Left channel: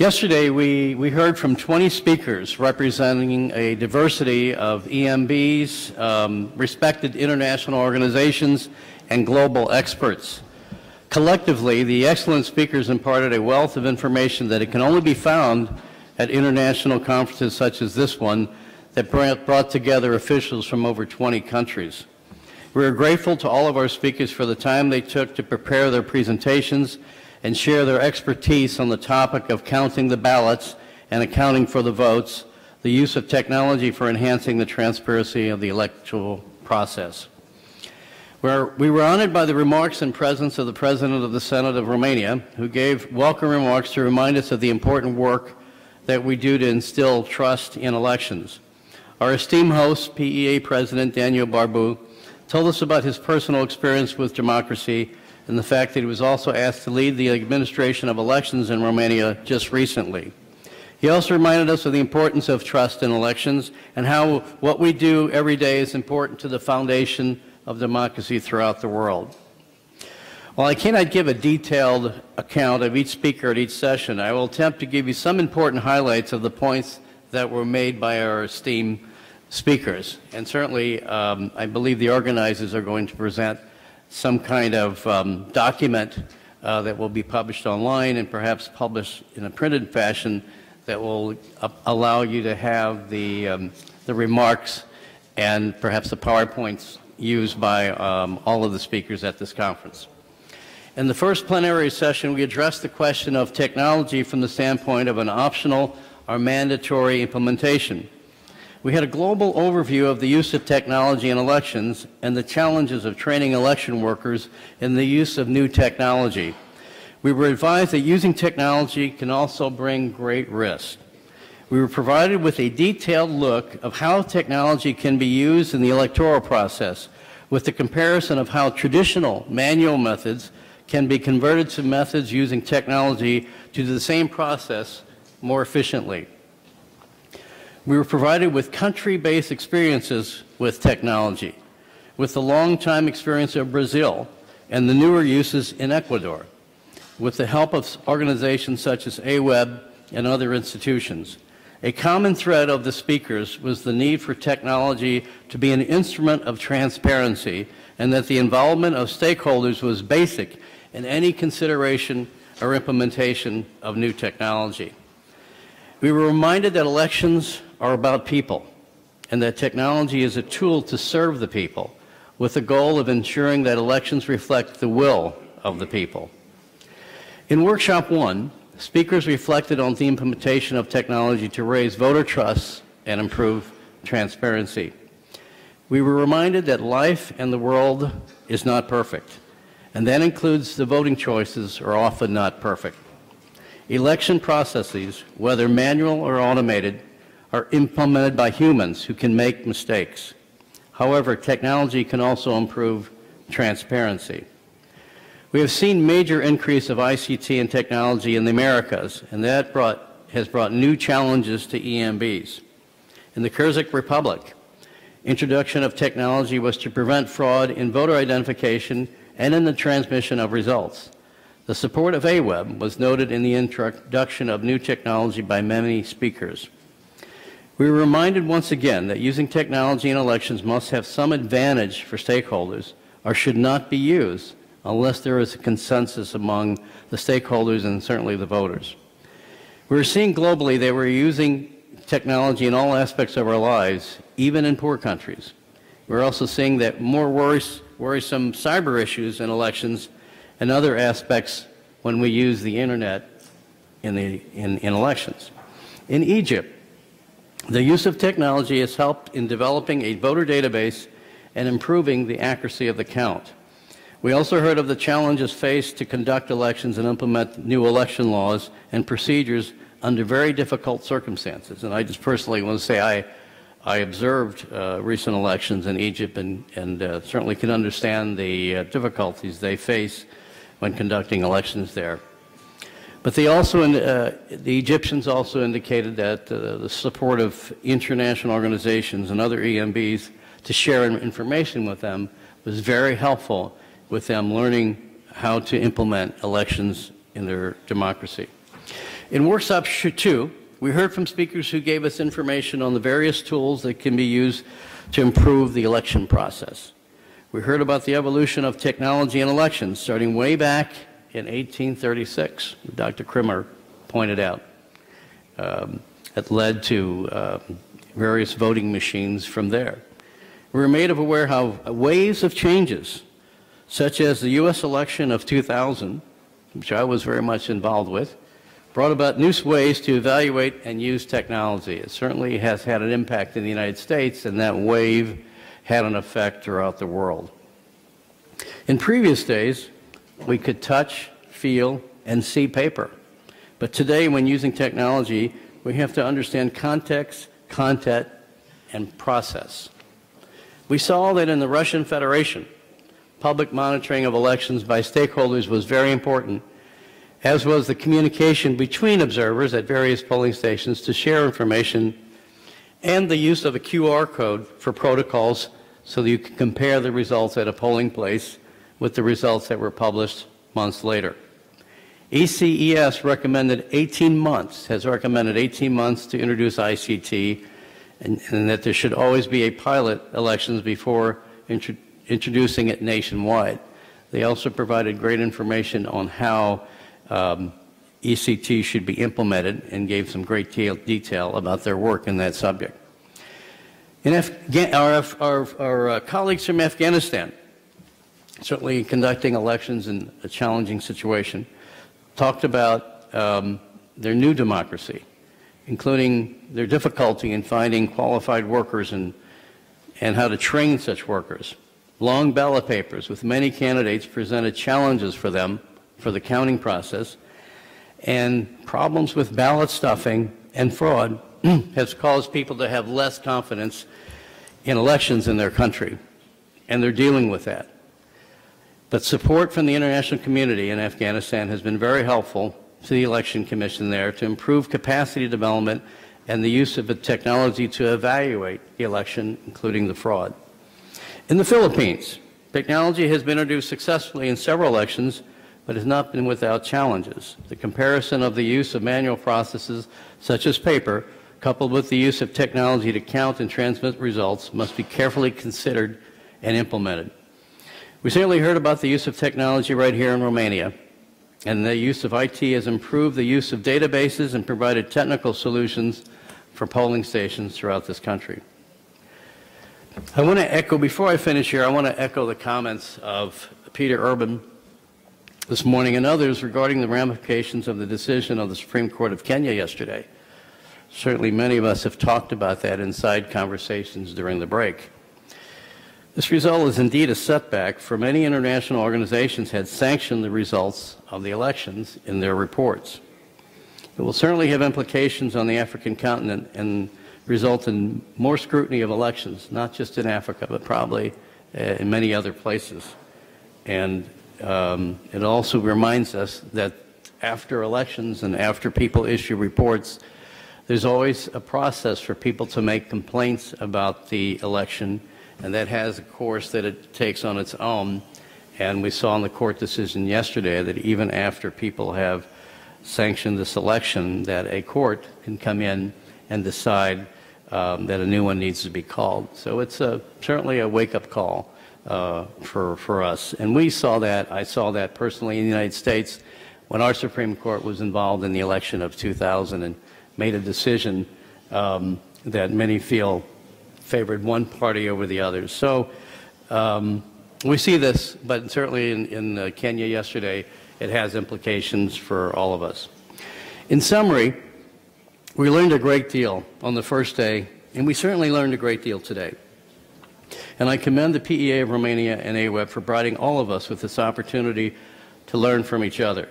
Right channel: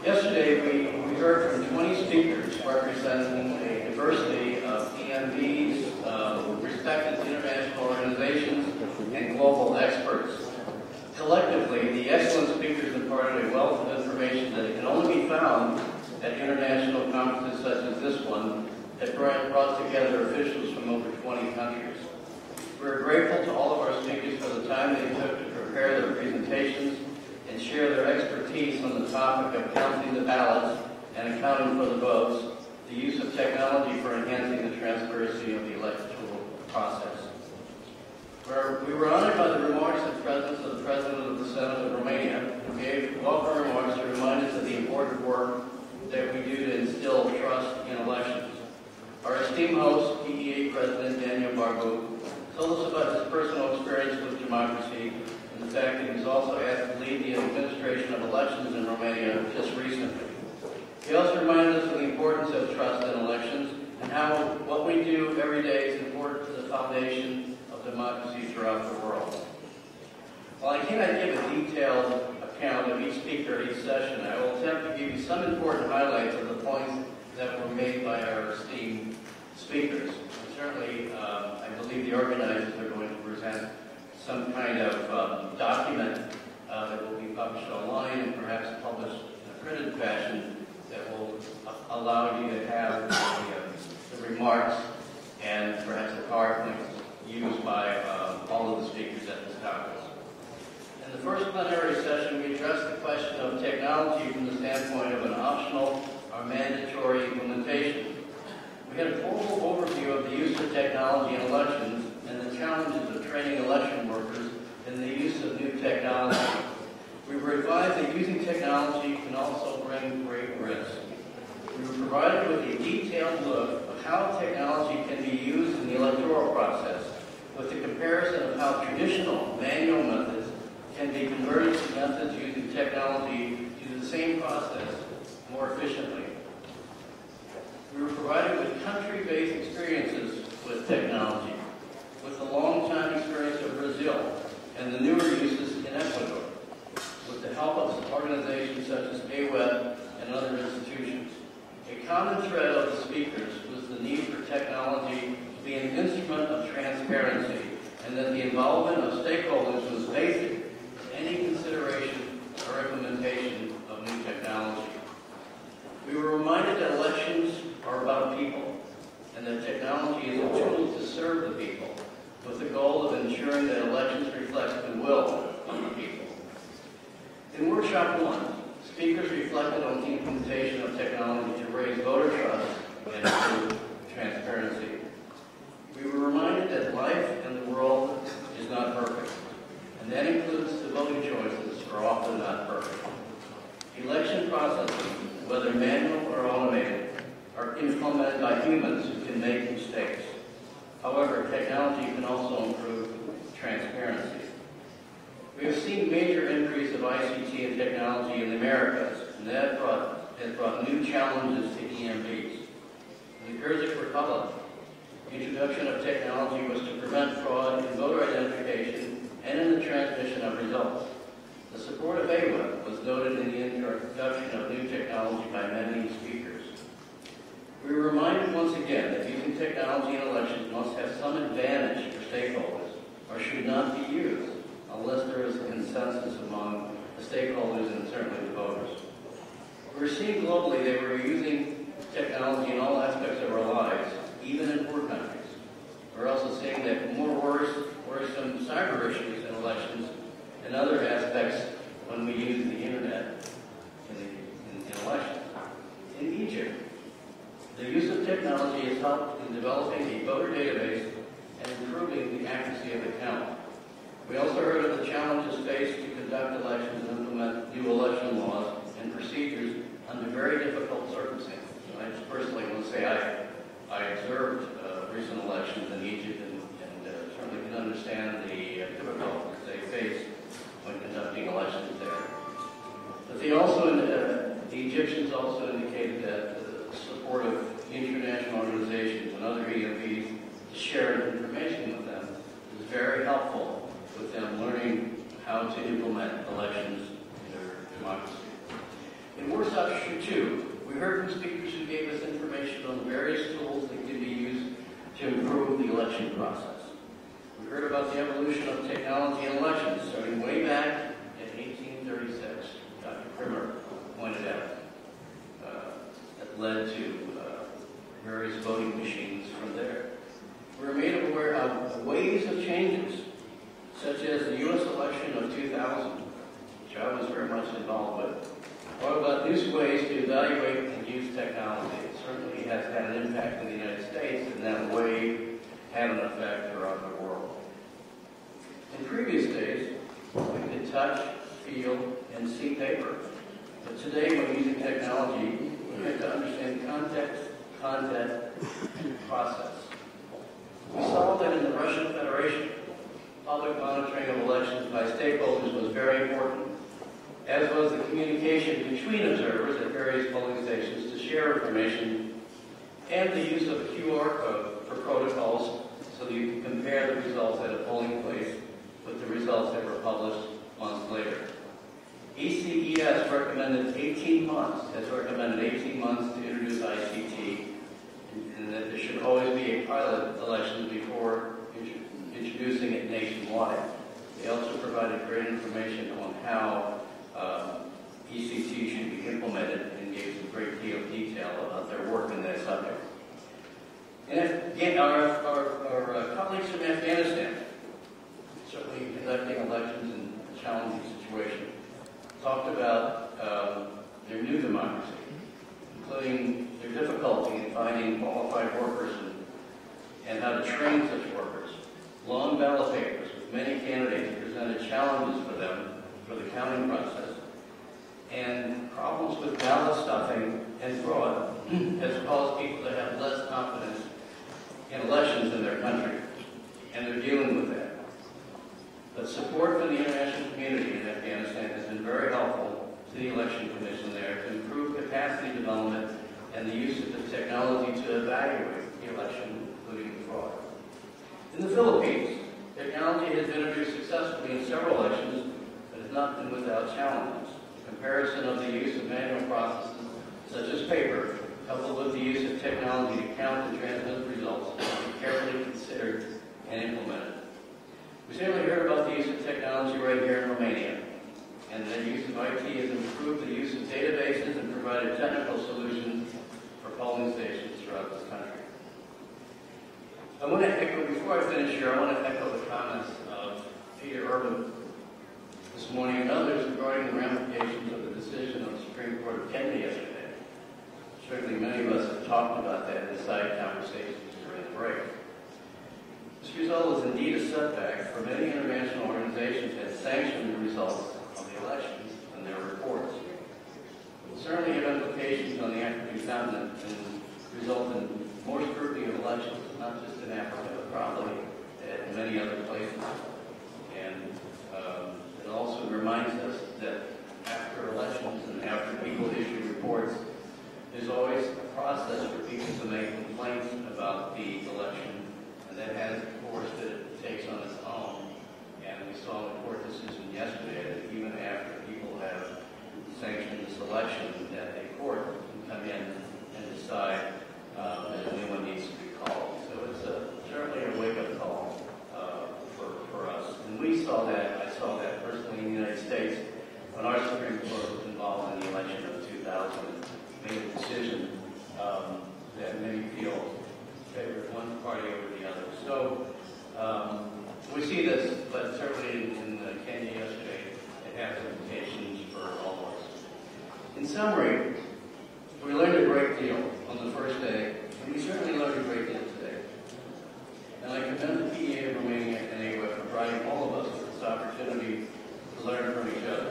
Yesterday, we heard from 20 speakers representing a diversity of EMBs, respected international organizations, and global experts. Collectively, the excellent speakers imparted a wealth of information that it can only be found at international conferences such as this one that brought together officials from over 20 countries. We are grateful to all of our speakers for the time they took to prepare their presentations and share their expertise on the topic of counting the ballots and accounting for the votes, the use of technology for enhancing the transparency of the electoral process. We were honored by the remarks and presence of the President of the Senate of Romania, who gave welcome remarks to remind us of the important work that we do to instill trust in elections. Our esteemed host, PEA President Daniel Barbu, told us about his personal experience with democracy and the fact that he was also asked to lead the administration of elections in Romania just recently. He also reminded us of the importance of trust in elections and how what we do every day is important to the foundation of democracy throughout the world. While I cannot give a detailed account of each speaker at each session, I will attempt to give you some important highlights of the points that were made by our esteemed speakers. And certainly, I believe the organizers are going to present some kind of document that will be published online and perhaps published in a printed fashion that will allow you to have the remarks and perhaps the PowerPoints used by all of the speakers at this conference. In the first plenary session, we addressed the question of technology from the standpoint of an optional or mandatory implementation. We had a global overview of the use of technology in elections and the challenges of training election workers in the use of new technology. We were advised that using technology can also bring great risk. We were provided with a detailed look of how technology can be used in the electoral process, with the comparison of how traditional manual methods can be converted to methods using technology to do the same process more efficiently. We were provided with country-based experiences with technology, with the long-time experience of Brazil and the newer uses in Ecuador, with the help of organizations such as AWEB and other institutions. A common thread of the speakers was the need for technology to be an instrument of transparency and that the involvement of stakeholders was basic in any consideration or implementation of new technology. We were reminded that elections are about people and that technology is a tool to serve the people with the goal of ensuring that elections reflect the will of the people. In Workshop 1, speakers reflected on the implementation of technology to raise voter trust and improve transparency. We were reminded that life and the world is not perfect, and that includes the voting choices are often not perfect. Election processes, whether manual or automated, are implemented by humans who can make mistakes. However, technology can also improve transparency. We have seen major increase of ICT and technology in the Americas, and that has brought new challenges to EMBs. In the Kyrgyz Republic, introduction of technology was to prevent fraud in voter identification and in the transmission of results. The support of AWEB was noted in the introduction of new technology by many speakers. We were reminded once again that using technology in elections must have some advantage for stakeholders or should not be used unless there is a consensus among the stakeholders and certainly the voters. We're seeing globally that we're using technology in all aspects of our lives, even in poor countries. We're also seeing that more worrisome cyber issues in elections and other aspects when we use the internet in elections. In Egypt, the use of technology has helped in developing a voter database and improving the accuracy of the count. We also heard of the challenges faced to conduct elections and implement new election laws and procedures under very difficult circumstances. And I just personally want to say I observed recent elections in Egypt and certainly can understand the difficulties they face when conducting elections there. But they also, the Egyptians also indicated that the support of international organizations and other EMBs to share information with them was very helpful with them learning how to implement elections in their democracy. In workshop 2, we heard from speakers who gave us information on the various tools that can be used to improve the election process. We heard about the evolution of technology in elections, starting way back in 1836, Dr. Krimmer pointed out. That led to various voting machines from there. We were made aware how waves of changes, such as the U.S. election of 2000, which I was very much involved with, brought about new ways to evaluate and use technology. It certainly has had an impact in the United States, and that wave had an effect throughout the world. In previous days, we could touch, feel, and see paper. But today, when using technology, we have to understand context, content, and process. We saw that in the Russian Federation, public monitoring of elections by stakeholders was very important, as was the communication between observers at various polling stations to share information, and the use of a QR code for protocols so that you can compare the results at a polling place with the results that were published months later. ECES recommended 18 months, has recommended 18 months to introduce ICT, and that there should always be a pilot elections before introducing it nationwide. They also provided great information on how ECT should be implemented and gave some great detail about their work in that subject. Our colleagues from Afghanistan, certainly conducting elections in a challenging situation, talked about their new democracy, including their difficulty in finding qualified workers and how to train such workers. Long ballot papers with many candidates presented challenges for them for the counting process, and problems with ballot stuffing and fraud has caused people to have less confidence in elections in their country, and they're dealing with that. But support from the international community in Afghanistan has been very helpful to the Election Commission there to improve capacity development and the use of the technology to evaluate the election, including the fraud. In the Philippines, technology has been introduced successfully in several elections, but has not been without challenges. The comparison of the use of manual processes, such as paper, coupled with the use of technology to count and transmit results, must be carefully considered and implemented. We certainly heard about the use of technology right here in Romania, and the use of IT has improved the use of databases and provided technical solutions for polling stations throughout this country. I want to echo, before I finish here, I want to echo the comments of Peter Urban this morning and others regarding the ramifications of the decision of the Supreme Court of Kenya yesterday. Certainly many of us have talked about that inside conversations during the break. This result is indeed a setback, for many international organizations had sanctioned the results of the elections in their reports. It will certainly have implications on the African continent and result in more scrutiny of elections, not just in Africa, but probably in many other places. And it also reminds us that after elections and after people issue reports, there's always a process for people to make complaints about the election, and that has a course that it takes on its own. And we saw in the court decision yesterday that even after people have sanctioned this election, that a court can come in and decide that a new one needs to be called. So it's certainly a wake-up call for us. And we saw that, I saw that personally in the United States when our Supreme Court was involved in the election of 2000 and made a decision that many feel favored one party over the others. So we see this, but certainly in Kenya yesterday, it has implications for all of us. In summary, we learned a great deal on the first day, and we certainly learned a great deal today. And I commend the PEA of Romania and AWEB for providing all of us with this opportunity to learn from each other.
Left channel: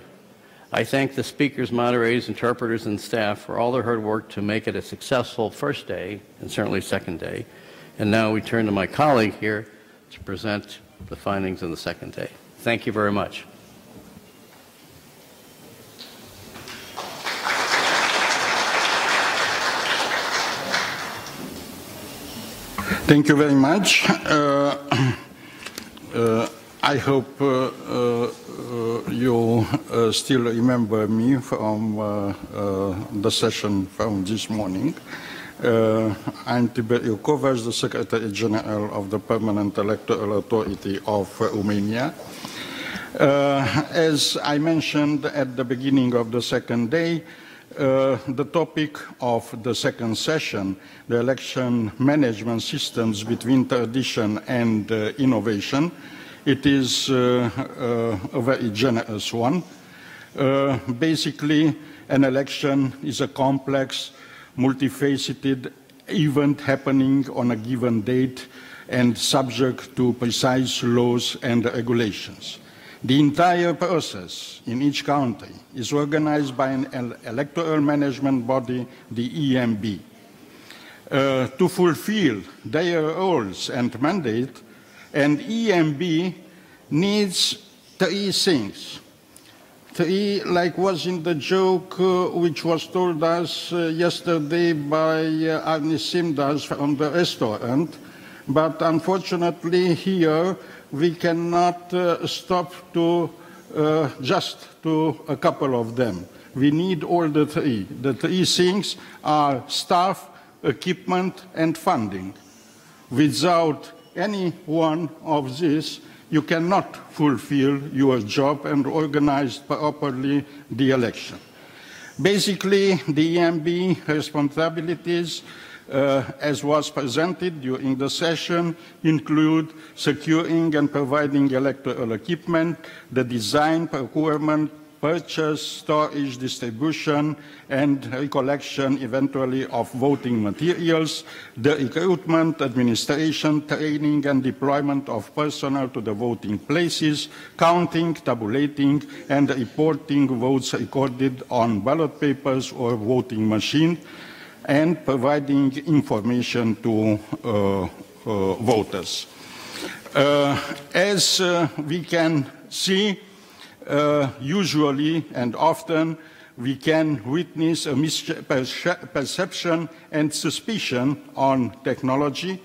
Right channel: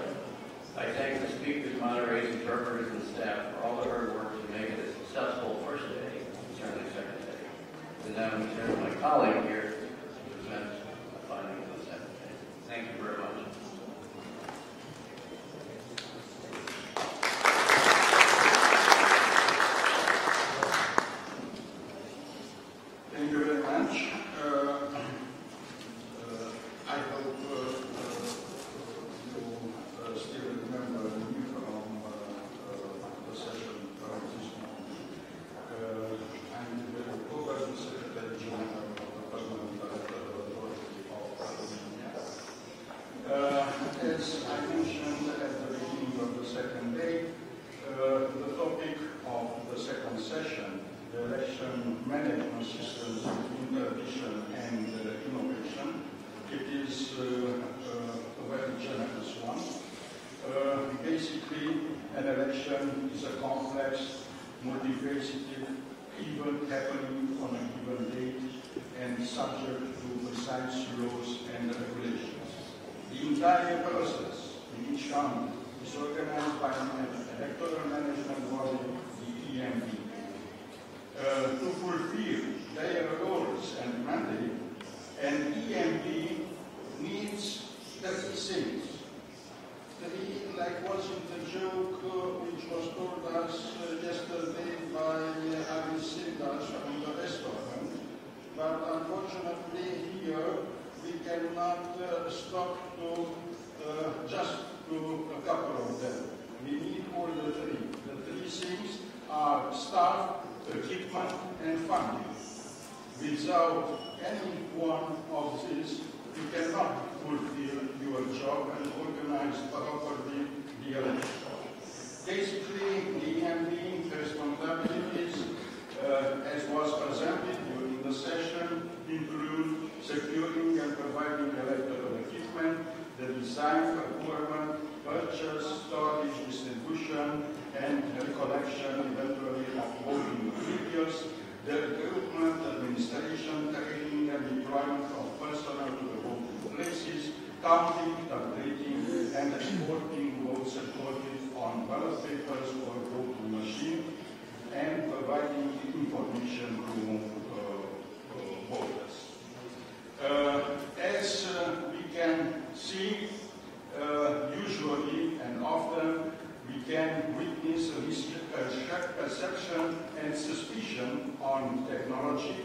I thank the speakers, moderators, interpreters, and staff for all their hard work to make it a successful first day and certainly second day. And now we turn to my colleague here to present the findings of the second day. Thank you very much. Thank you very much. I hope you still remember me from the session from this morning. I'm Tiberiu Kovacs, the Secretary General of the Permanent Electoral Authority of Romania. As I mentioned at the beginning of the second day, the topic of the second session, the election management systems between tradition and innovation, it is a very generous one. Basically, an election is a complex, multifaceted event happening on a given date and subject to precise laws and regulations. The entire process in each country is organized by an electoral management body, the EMB. To fulfill their roles and mandate, an EMB needs three things. Three, like was in the joke which was told us yesterday by Arni Simdas from the restaurant, but unfortunately here we cannot stop to just to a couple of them. We need all the three. The three things are staff, equipment, and funding. Without any one of these, you cannot fulfill your job and organize properly the election. Basically, the EMB responsibilities, as was presented during the session, include securing and providing electoral equipment, the design, procurement, purchase, storage, distribution, and recollection, eventually, of voting materials, the recruitment, administration, training, and deployment of personnel to the voting places, counting, tabulating, and reporting votes recorded on ballot papers or voting machines, and providing information to voters. As we can see, usually and often, we can witness a misperception and suspicion on technology,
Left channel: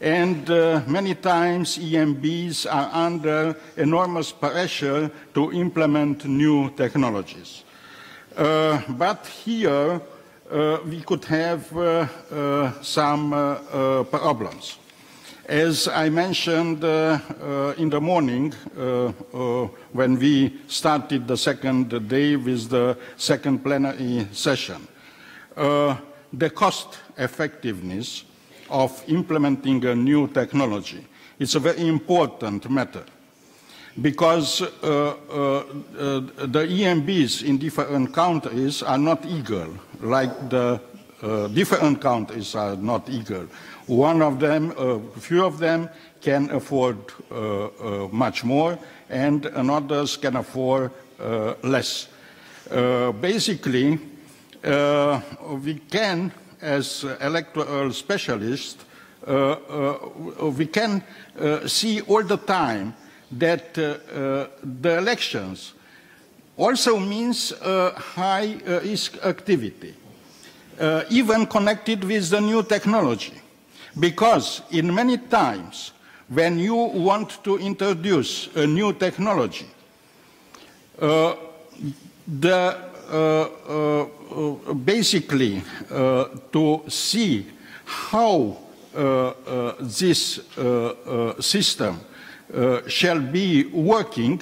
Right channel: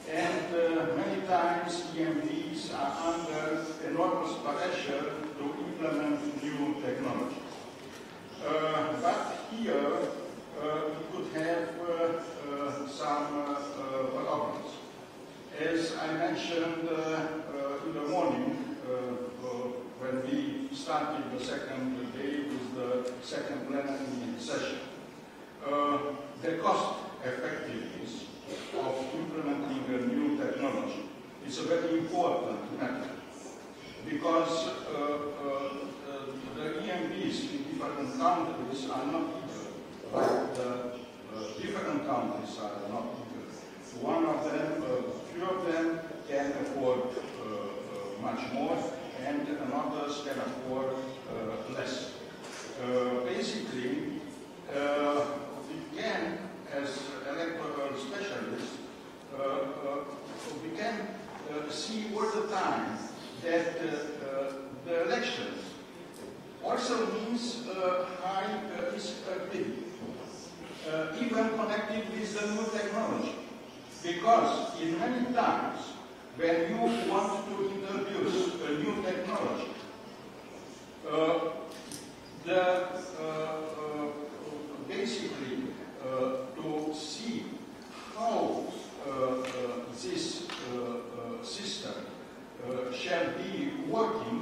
and many times EMBs are under enormous pressure to implement new technologies. But here, we could have some problems. As I mentioned in the morning, when we started the second day with the second plenary session, the cost effectiveness of implementing a new technology is a very important matter, because the EMBs in different countries are not equal, like the different countries are not equal. One of them, a few of them can afford much more, and others can afford less. Basically, we can, as electoral specialists, we can see all the time that the elections also means high risk activity, even connected with the new technology. Because in many times, when you want to introduce a new technology, basically to see how this system shall be working,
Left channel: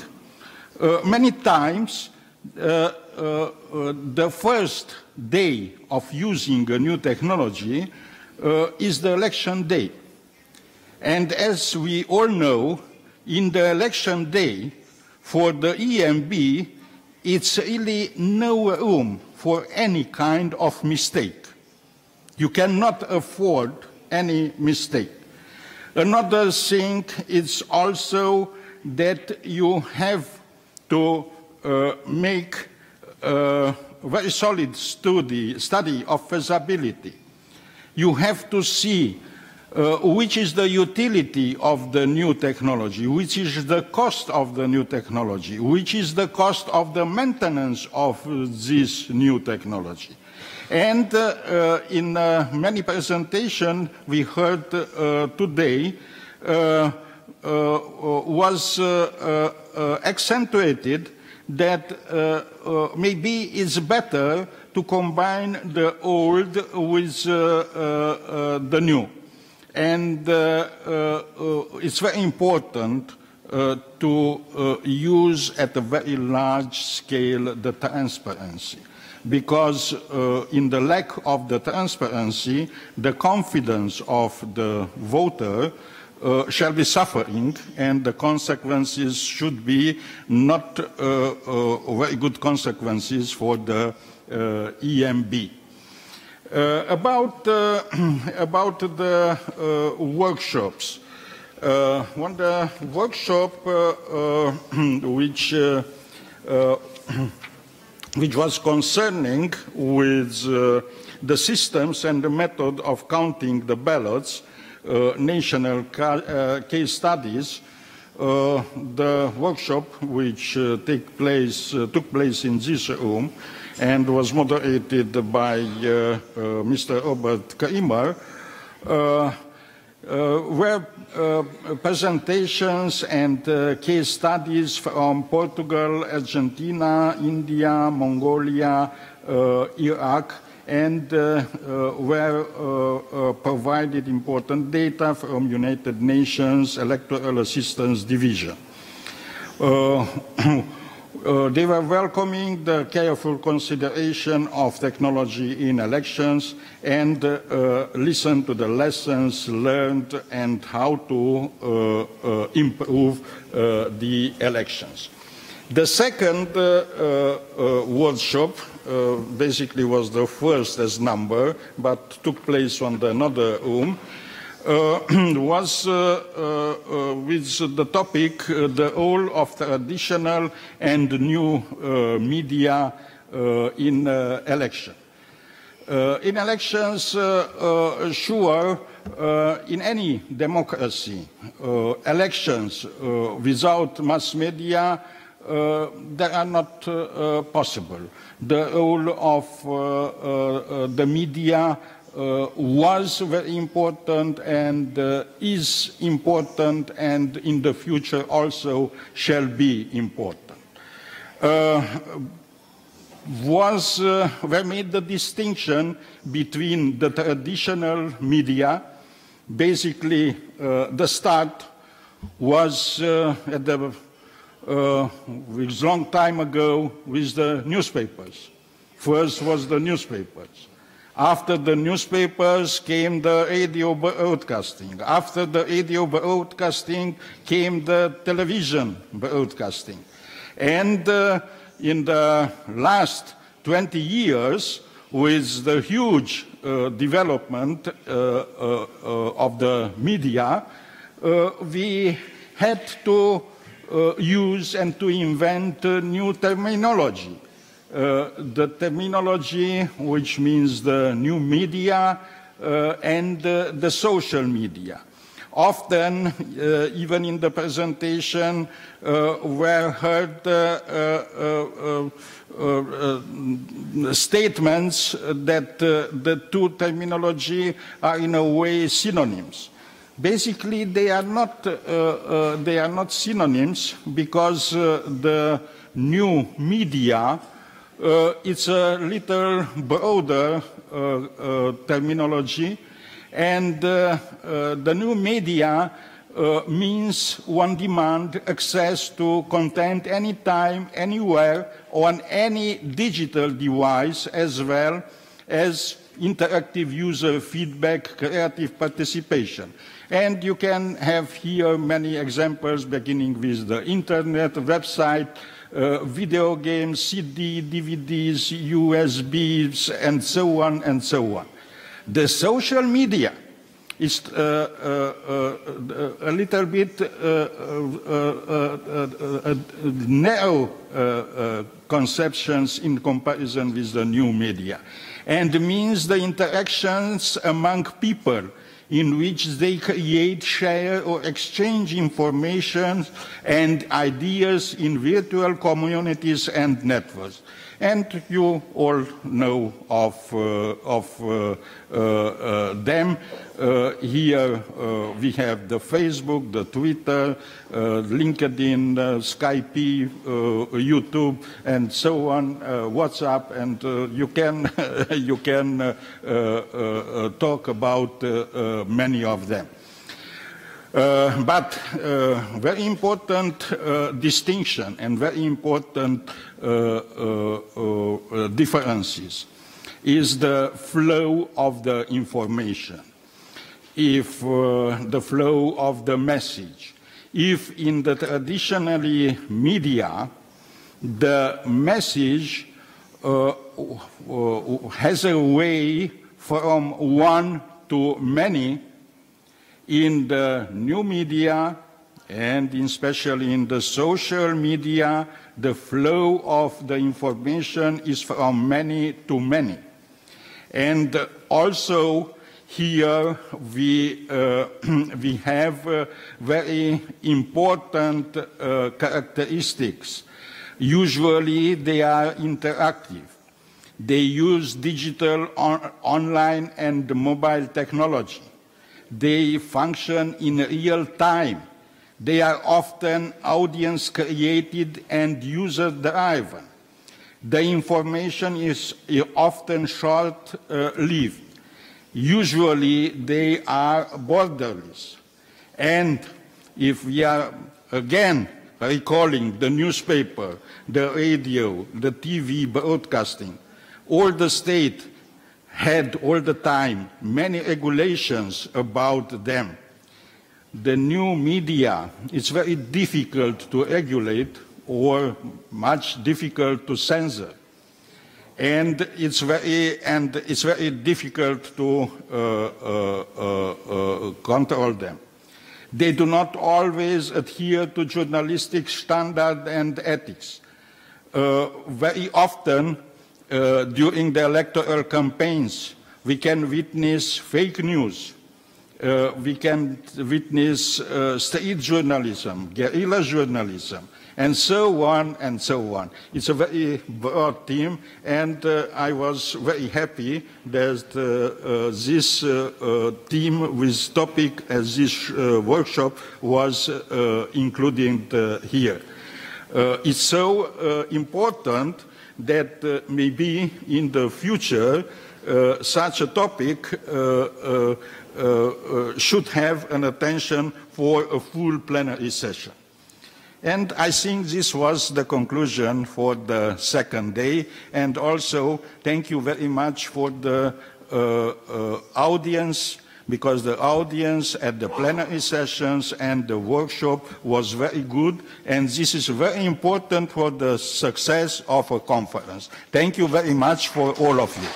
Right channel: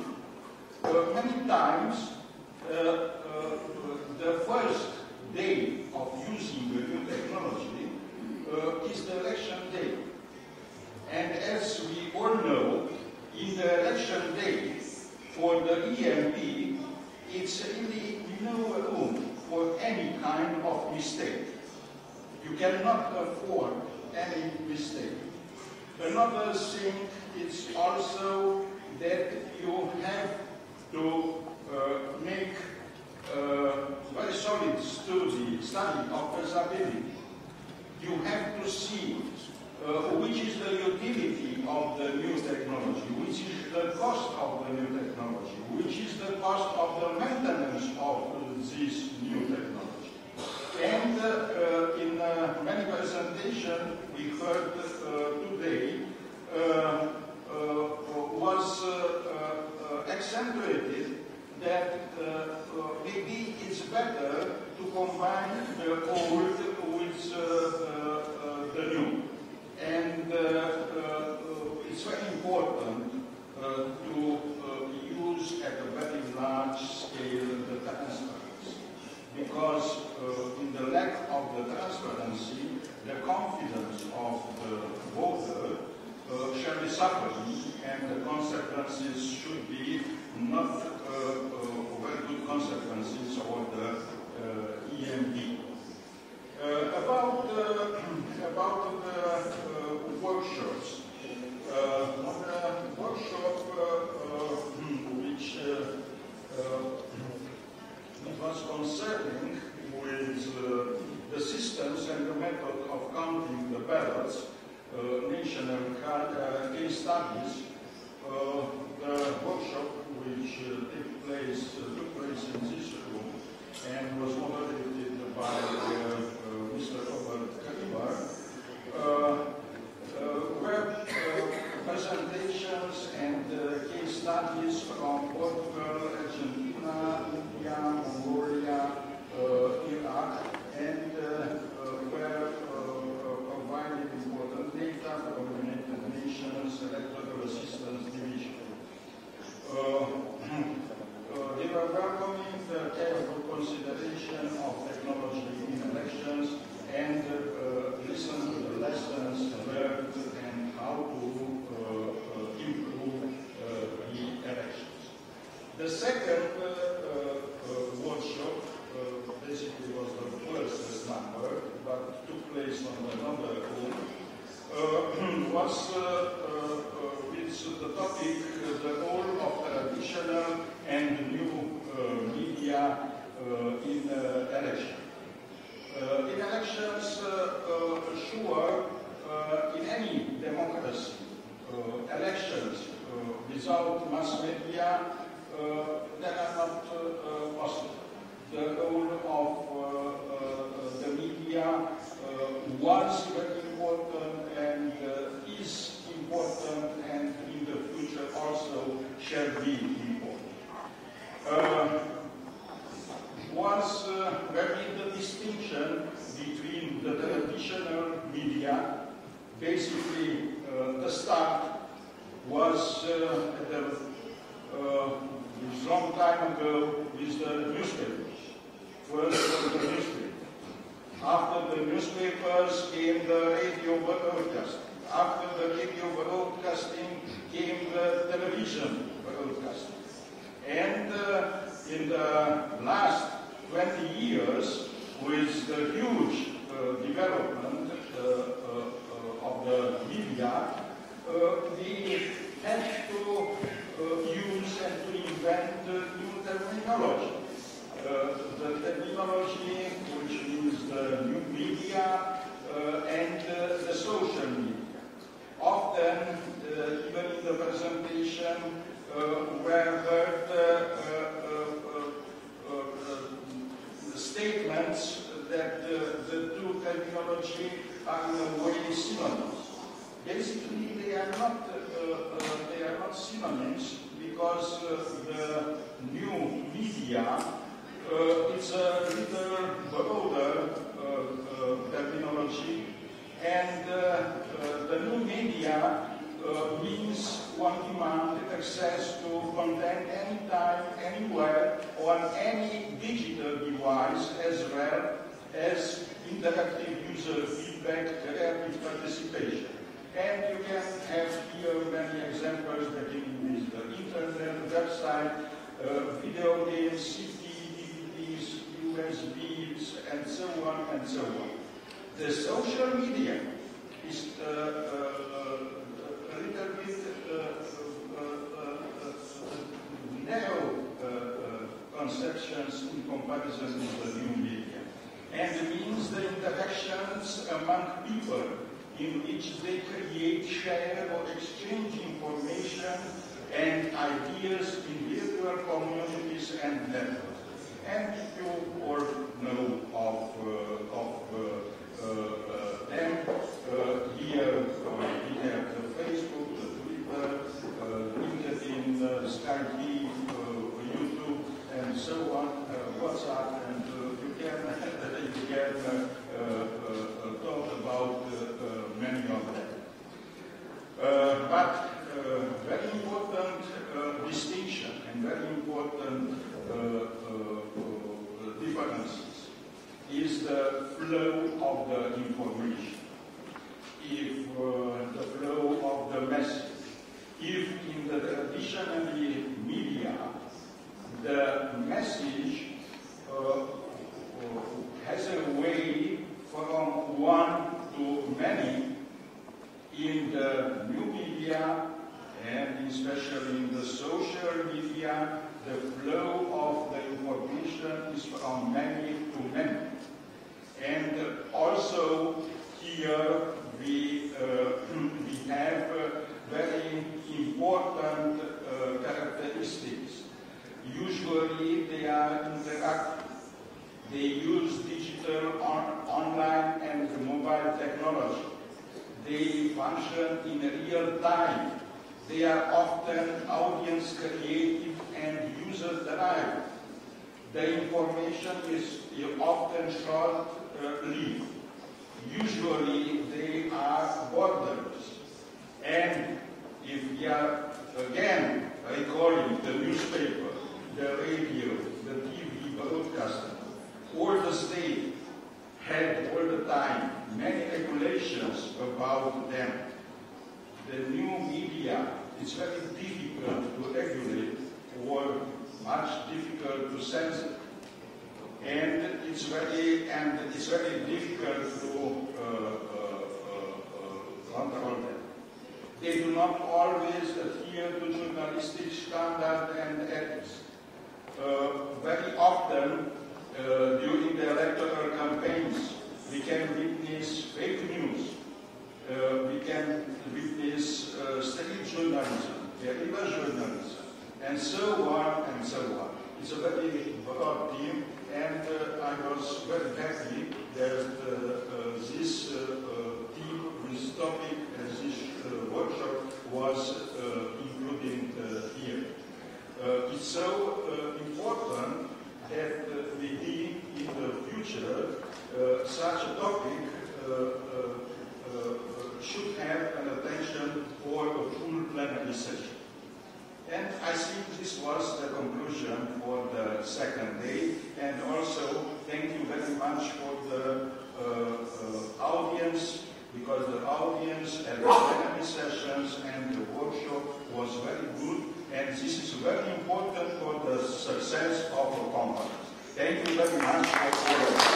many times the first day of using a new technology is the election day. And as we all know, in the election day, for the EMB, it's really no room for any kind of mistake. You cannot afford any mistake. Another thing is also that you have to make a very solid study of feasibility. You have to see which is the utility of the new technology, which is the cost of the new technology, which is the cost of the maintenance of this new technology. And in many presentations we heard today was accentuated that maybe it's better to combine the old with the new. And it's very important to use at a very large scale the transparency, because in the lack of the transparency, the confidence of the voter shall be suffering, and the consequences should be not very good consequences for the EMB. About the workshops. One the workshop which was concerning with the systems and the method of counting the ballots, national case studies, the workshop which took place in this room and was moderated by Mr. Robert Kramer, were presentations and case studies from Portugal, Argentina, India, Mongolia, Iraq, and were provided important data from United Nations Electoral Assistance Division. They were welcoming the careful consideration of technology in elections and listened to the lessons learned and how to improve the elections. The second workshop basically was the first as number, but took place on another room, was with the topic the role of traditional and new media in election. In elections, sure, in any democracy, elections without mass media, they are not possible. The role of the media was very important and is important, and in the future also shall be important. We made the distinction between the traditional media. Basically, the start was at the long time ago with the newspapers. First was the newspapers. After the newspapers came the radio broadcasting. After the radio broadcasting came the television broadcasting. And in the last 20 years, with the huge development of the media, we had to use and to invent new terminology. The terminology which means the new media and the social media. Often, even in the presentation, were heard statements that the two terminology are in a way synonyms. Basically, they are not synonyms, because the new media it's a little broader terminology, and the new media means one demand access to content anytime, anywhere, on any digital device, as well as interactive user feedback, creative participation. And you can have here many examples, beginning with the internet, website, video games, CD, DVDs, USBs, and so on and so on. The social media is a little bit narrow conceptions in comparison with the new media, and means the interactions among people in which they create, share, or exchange information and ideas in virtual communities and networks. And you all know of them. Here we have the Facebook, the Twitter, LinkedIn, Skype, YouTube, and so on, WhatsApp, and you can talk about many of them. But very important distinction and very important differences is the flow of the information. If the flow of the message, if in the traditionally media, the message has a way from one to many, in the new media and especially in the social media, the flow of the information is from many to many. And also here we have very important characteristics. Usually they are interactive. They use digital, online and mobile technology. They function in real time. They are often audience created and user driven. The information is often short-lived. Usually they are borderless. And if we are again recalling the newspaper, the radio, the TV broadcasting, all the state had all the time many regulations about them. The new media, it's very difficult to regulate or much difficult to censor. And it's very difficult to control them. They do not always adhere to journalistic standard and ethics. Very often, during the electoral campaigns, we can witness fake news. We can witness street journalism, guerrilla journalism, and so on and so on. It's a very broad theme, and I was very happy that this theme with topic as this workshop was included here. It's so important that maybe in the future such a topic should have an attention for a full plenary session. And I think this was the conclusion for the second day. And also, thank you very much for the audience, because the audience at the plenary sessions and the workshop was very good. And this is very important for the success of a conference. Thank you very much for all of you.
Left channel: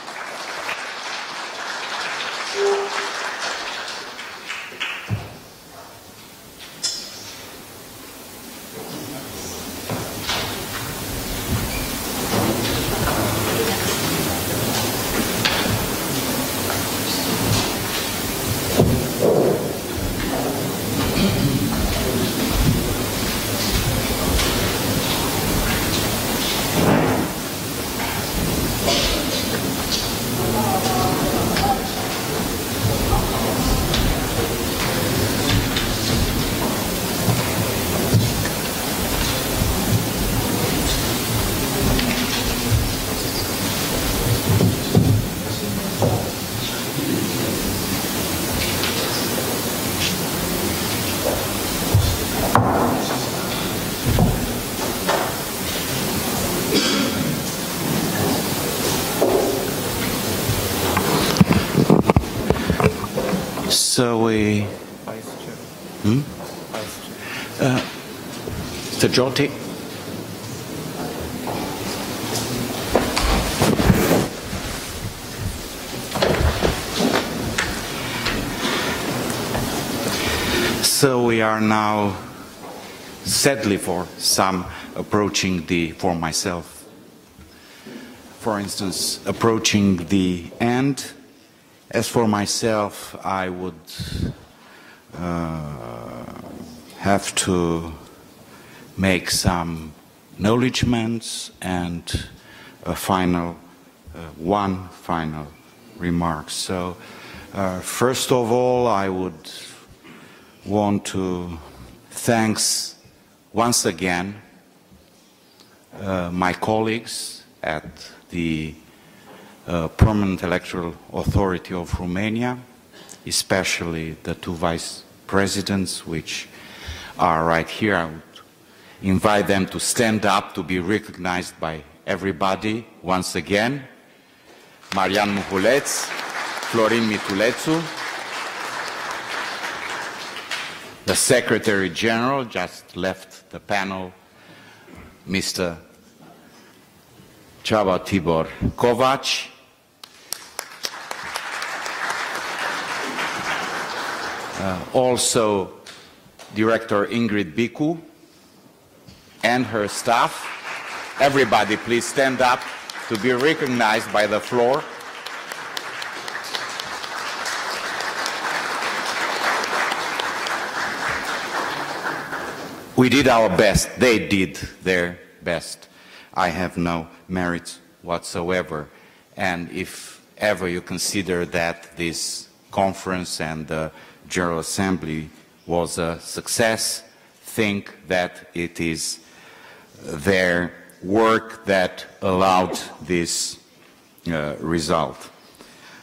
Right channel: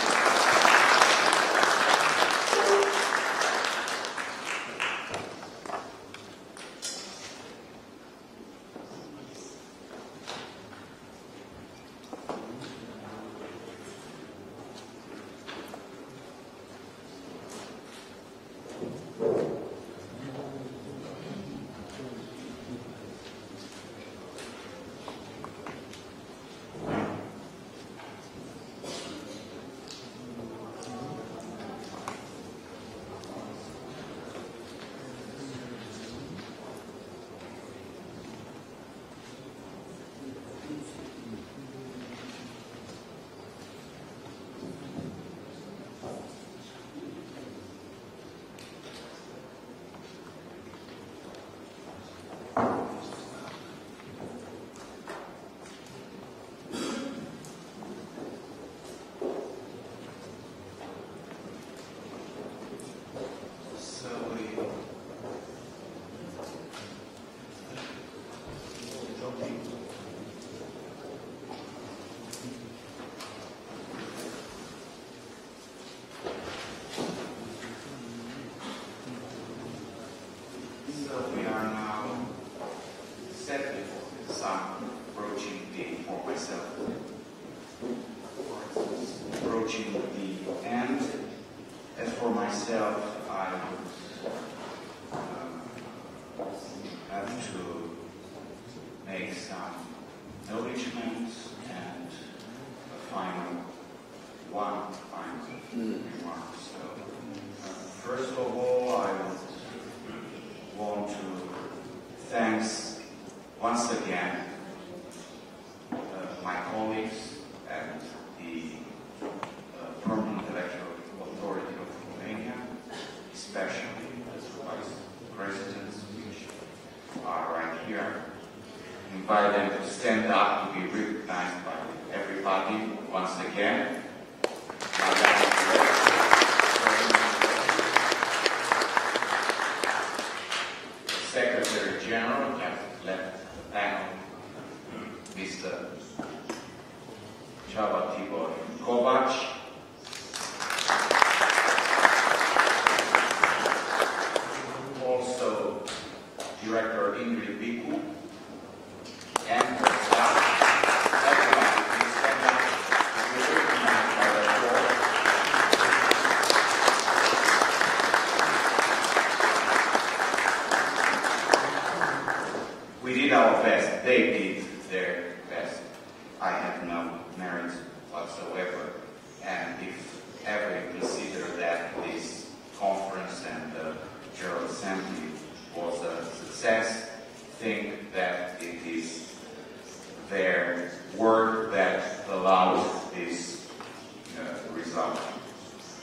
So we... Mr. Joti? So we are now, sadly for some, approaching for myself, for instance, approaching the end. As for myself, I would have to make some acknowledgements and one final remark. So, first of all, I would want to thank once again my colleagues at the Permanent Electoral Authority of Romania, especially the two vice presidents, which are right here. I would invite them to stand up to be recognized by everybody once again. Marian Miculeț, Florin Miculețu, the Secretary General just left the panel, Mr. Csaba Tibor Kovács, also Director Ingrid Bicu and her staff. Everybody please stand up to be recognized by the floor. We did our best. They did their best. I have no merit whatsoever. And if ever you consider that this conference and the General Assembly was a success, think that it is their work that allowed this result.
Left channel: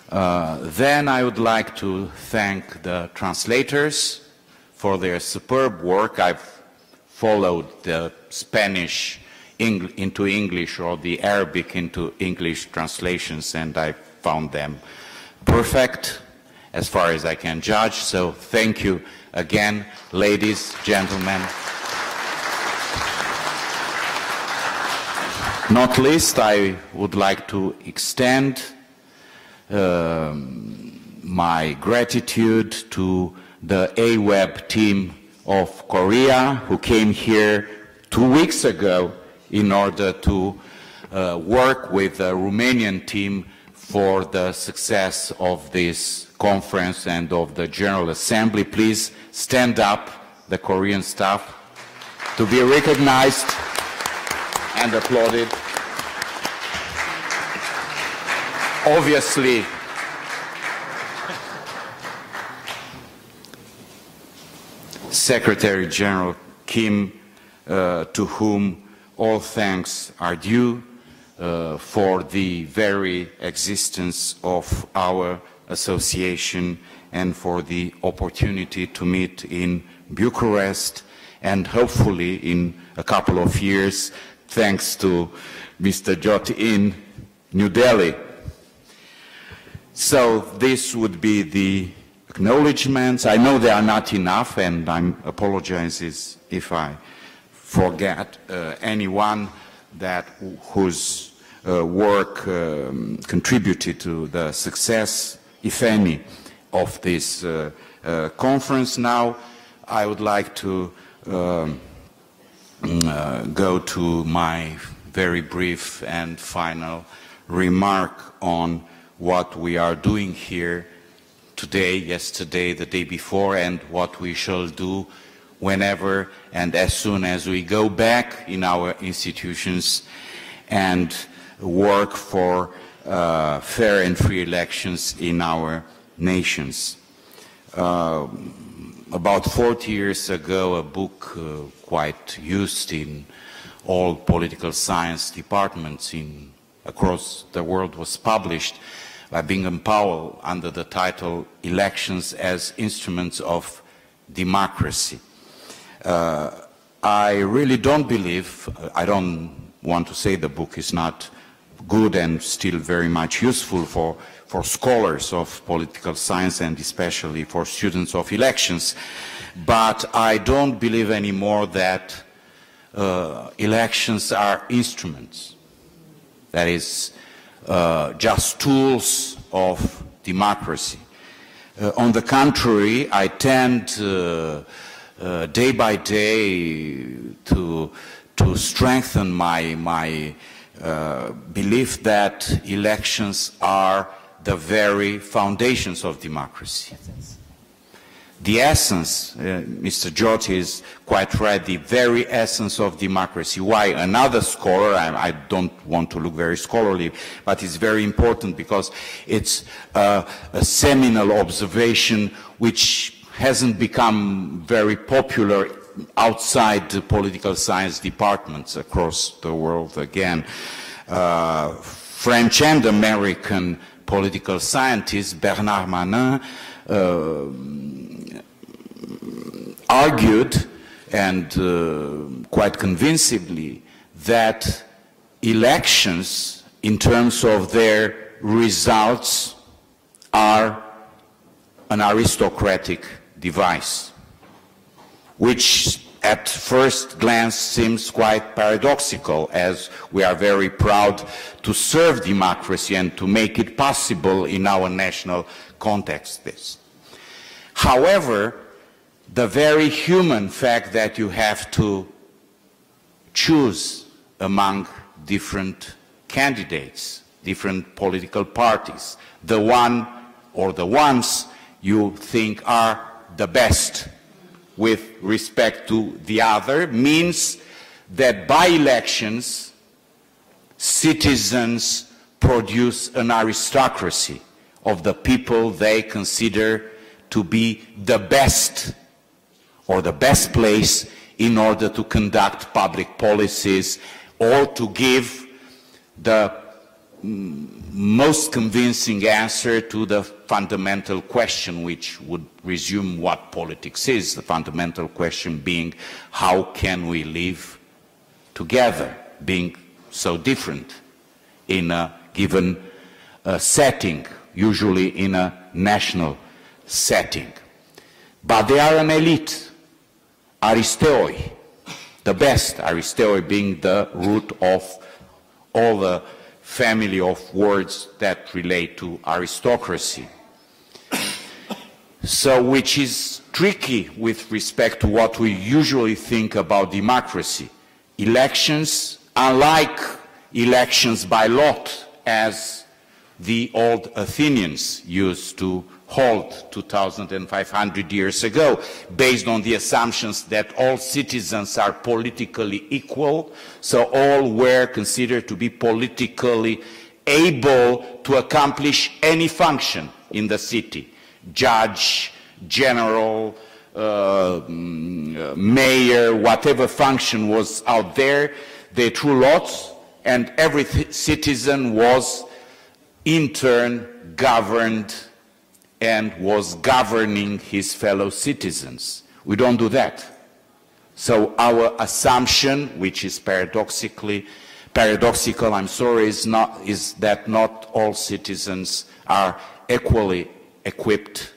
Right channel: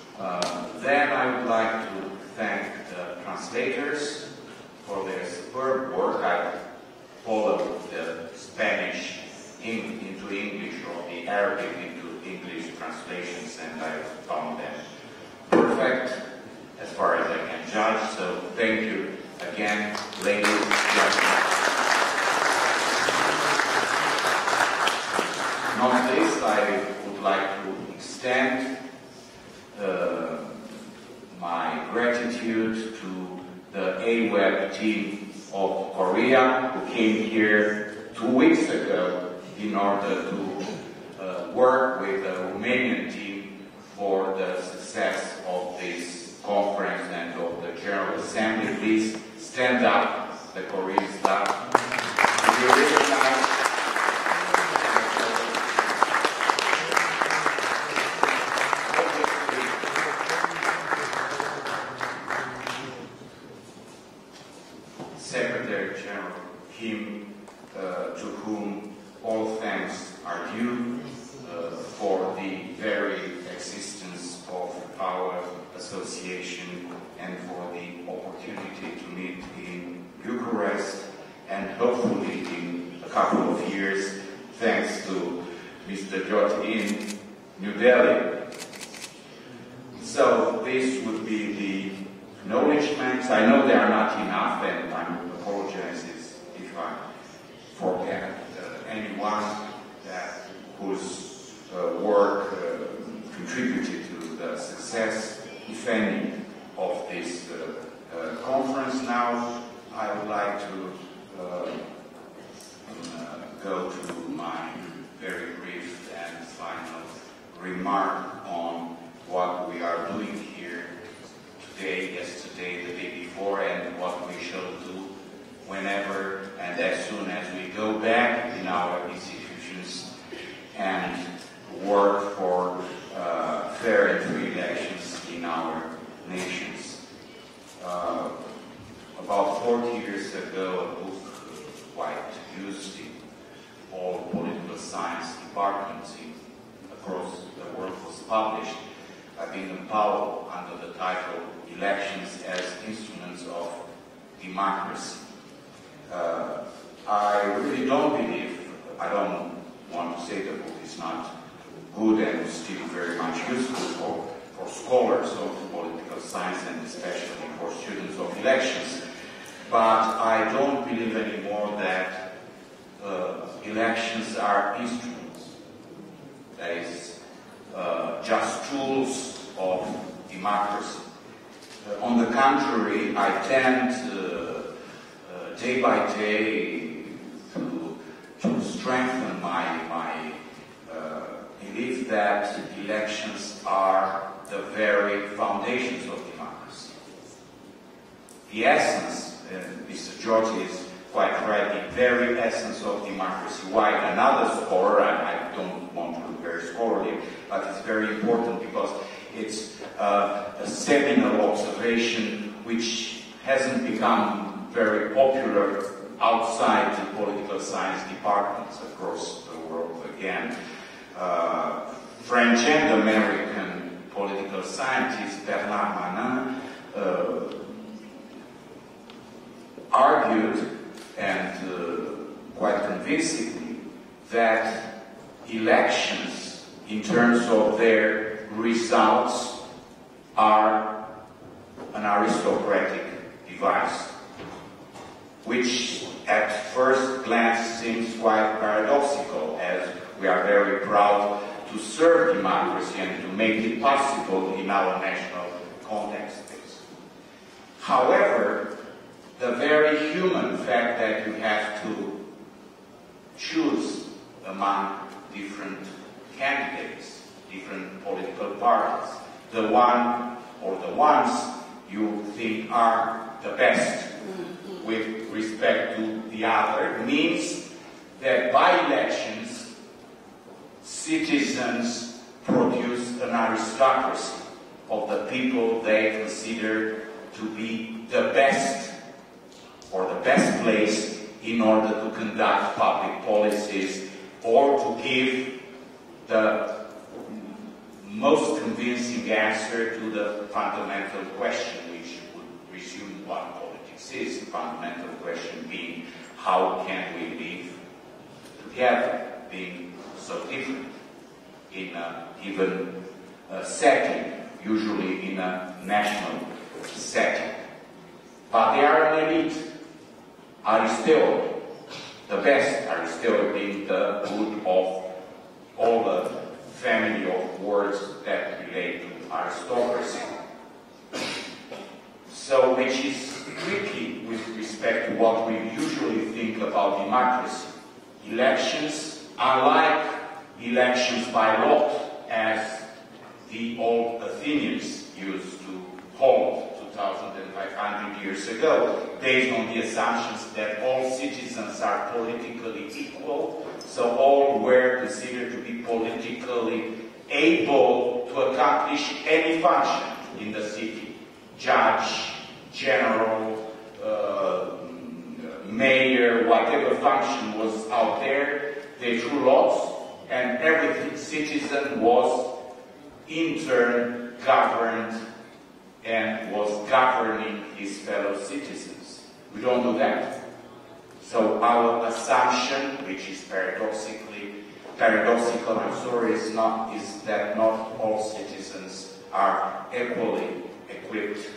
Then I would like to thank the translators for their superb work. I've followed the Spanish into English or the Arabic into English translations, and I found them perfect as far as I can judge. So thank you again, ladies, gentlemen. Not least, I would like to extend my gratitude to the AWEB team of Korea, who came here 2 weeks ago in order to work with the Romanian team for the success of this conference and of the General Assembly. Please stand up, the Korean staff, to be recognized and applauded. Obviously, Secretary General Kim, to whom all thanks are due for the very existence of our association and for the opportunity to meet in Bucharest and hopefully in a couple of years, thanks to Mr. Jyoti in New Delhi. So this would be the acknowledgements. I know they are not enough, and I apologize if I forget anyone whose work contributed to the success, if any, of this conference. Now I would like to go to my very brief and final remark on what we are doing here today, yesterday, the day before, and what we shall do whenever and as soon as we go back in our institutions and work for fair and free elections in our nations. About 40 years ago, a book quite used in all political science departments across the world was published by Bingham Powell under the title Elections as Instruments of Democracy. I really don't believe, I don't want to say the book is not good and still very much useful for scholars of political science and especially for students of elections, but I don't believe anymore that elections are instruments, that is, just tools of democracy. On the contrary, I tend day by day to strengthen my belief that elections are the very foundations of democracy. the essence, Mr. George is quite right, the very essence of democracy. Why? Another scholar, I don't want to look very scholarly, but it's very important because it's a seminal observation which hasn't become very popular outside the political science departments across the world again. French and American political scientist Bernard Manin argued, and quite convincingly, that elections, in terms of their results, are an aristocratic device, which at first glance seems quite paradoxical, as we are very proud to serve democracy and to make it possible in our national context. However, the very human fact that you have to choose among different candidates, different political parties, the one or the ones you think are the best with respect to the other, means that by elections, citizens produce an aristocracy of the people they consider to be the best or the best place in order to conduct public policies or to give the most convincing answer to the fundamental question which would resume what politics is, the fundamental question being how can we live together, being so different in a given setting, usually in a national setting. But they are an elite. Aristoi, the best, Aristoi being the root of all the family of words that relate to aristocracy. So, which is tricky with respect to what we usually think about democracy. Elections, unlike elections by lot, as the old Athenians used to hold 2,500 years ago, based on the assumptions that all citizens are politically equal, so all were considered to be politically able to accomplish any function in the city. Judge, general, mayor, whatever function was out there, they drew lots, and every citizen was in turn governed and was governing his fellow citizens. We don't do that. So our assumption, which is paradoxical, is that not all citizens are equally equipped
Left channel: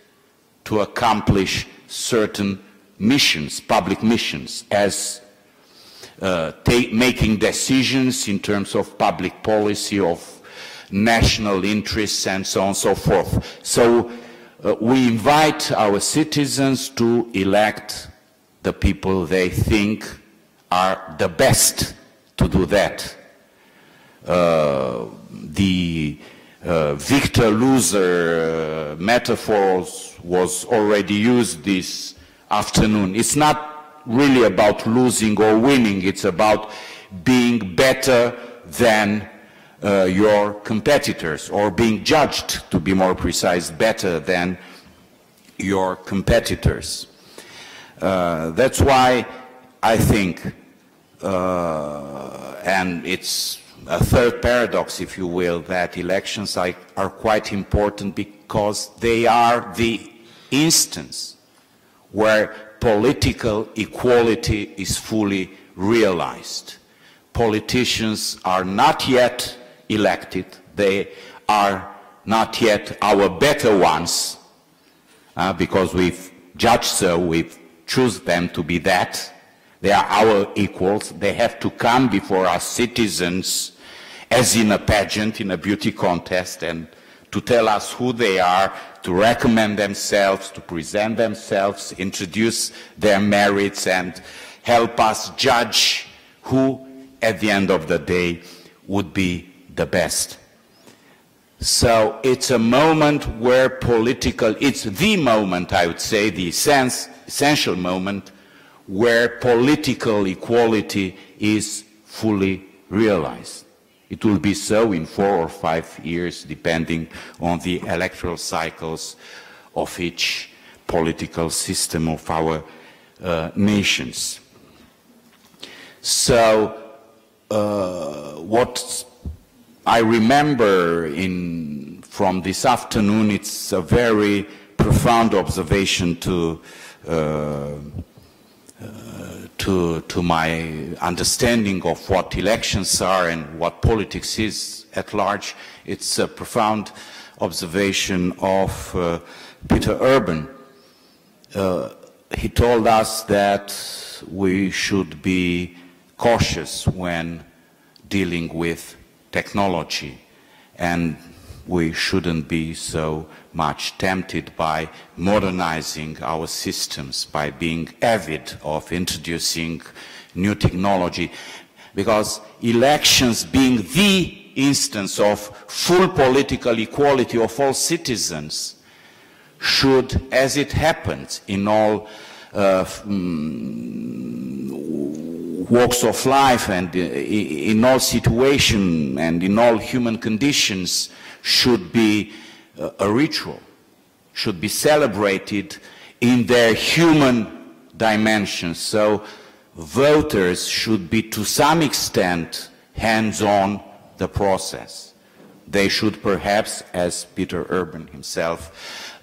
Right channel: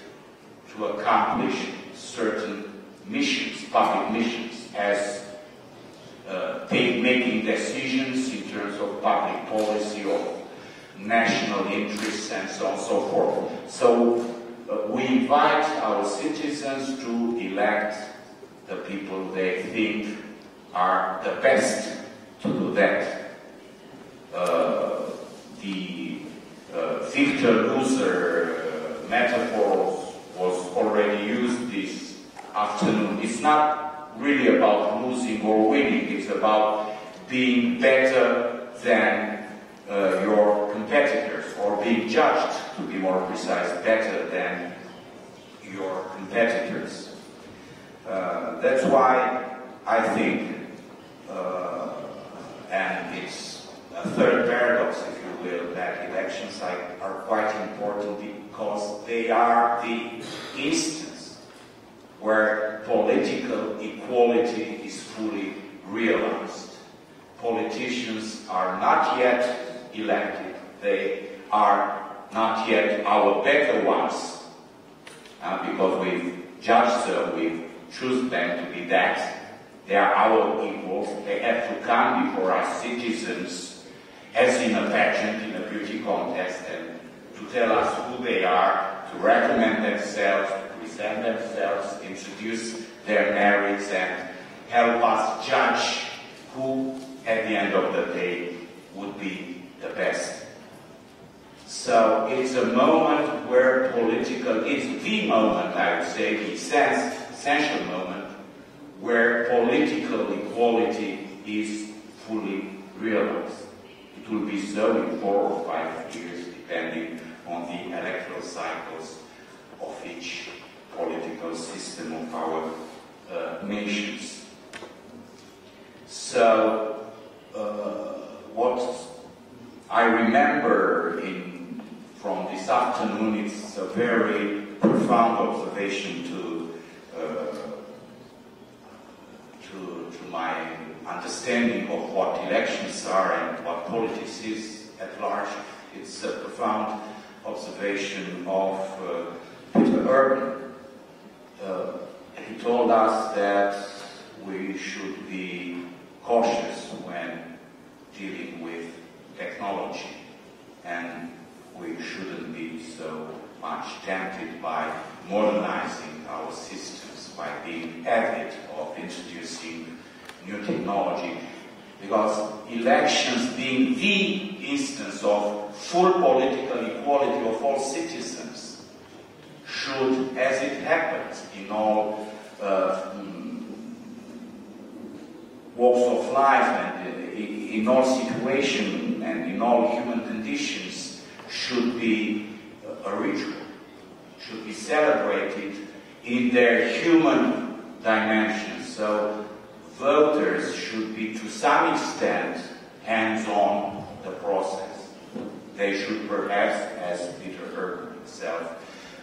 to accomplish certain missions, public missions, as making decisions in terms of public policy, of national interests, and so on and so forth. So we invite our citizens to elect the people they think are the best to do that. The victor-loser metaphor was already used this afternoon. It's not really about losing or winning, it's about being better than your competitors, or being judged, to be more precise, better than your competitors. That's why I think, and it's a third paradox, if you will, that elections are quite important because they are the instance where political equality is fully realized. Politicians are not yet elected, they are not yet our better ones, because we've judged so, we've chosen them to be that. They are our equals, they have to come before our citizens as in a pageant, in a beauty contest, and to tell us who they are, to recommend themselves, to present themselves, introduce their merits, and help us judge who, at the end of the day, would be the best. So it's a moment where it's the moment, I would say, the essential moment where political equality is fully realized. It will be so in 4 or 5 years, depending on the electoral cycles of each political system of our nations. So what I remember from this afternoon, it's a very profound observation to my understanding of what elections are and what politics is at large. It's a profound observation of Peter Urban. He told us that we should be cautious when dealing with technology, and we shouldn't be so much tempted by modernizing our systems, by being avid of introducing new technology, because elections being the instance of full political equality of all citizens should, as it happens in all walks of life and in all situations and in all human conditions, should be a ritual, should be celebrated in their human dimensions. So voters should be to some extent hands-on the process. They should perhaps, as Peter Urban himself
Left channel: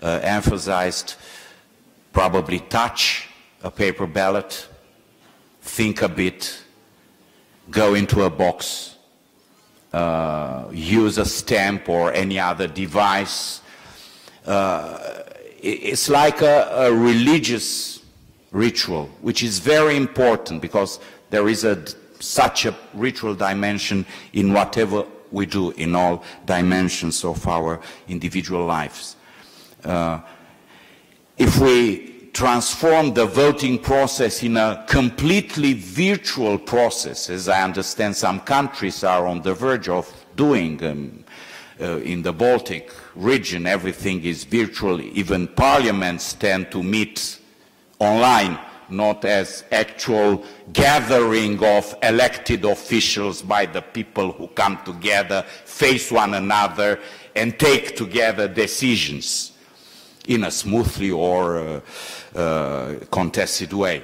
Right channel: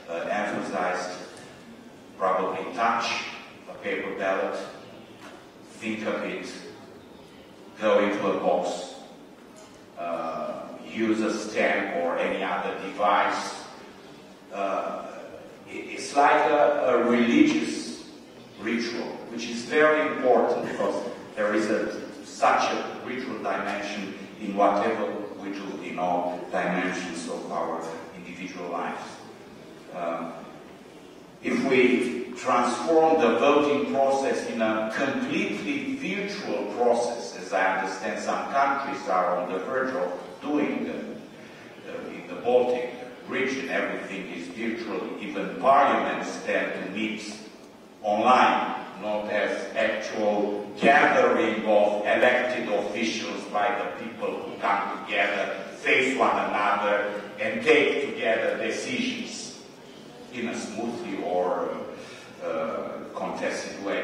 emphasized, probably touch a paper ballot, think a bit, go into a box, use a stamp or any other device. It's like a religious ritual, which is very important because there is such a ritual dimension in whatever we do in all dimensions of our individual lives. If we transform the voting process in a completely virtual process, as I understand some countries are on the verge of doing, in the Baltic region everything is virtual, even parliaments tend to meet online, not as actual gathering of elected officials by the people who come together, face one another and take together decisions in a smoothly or contested way.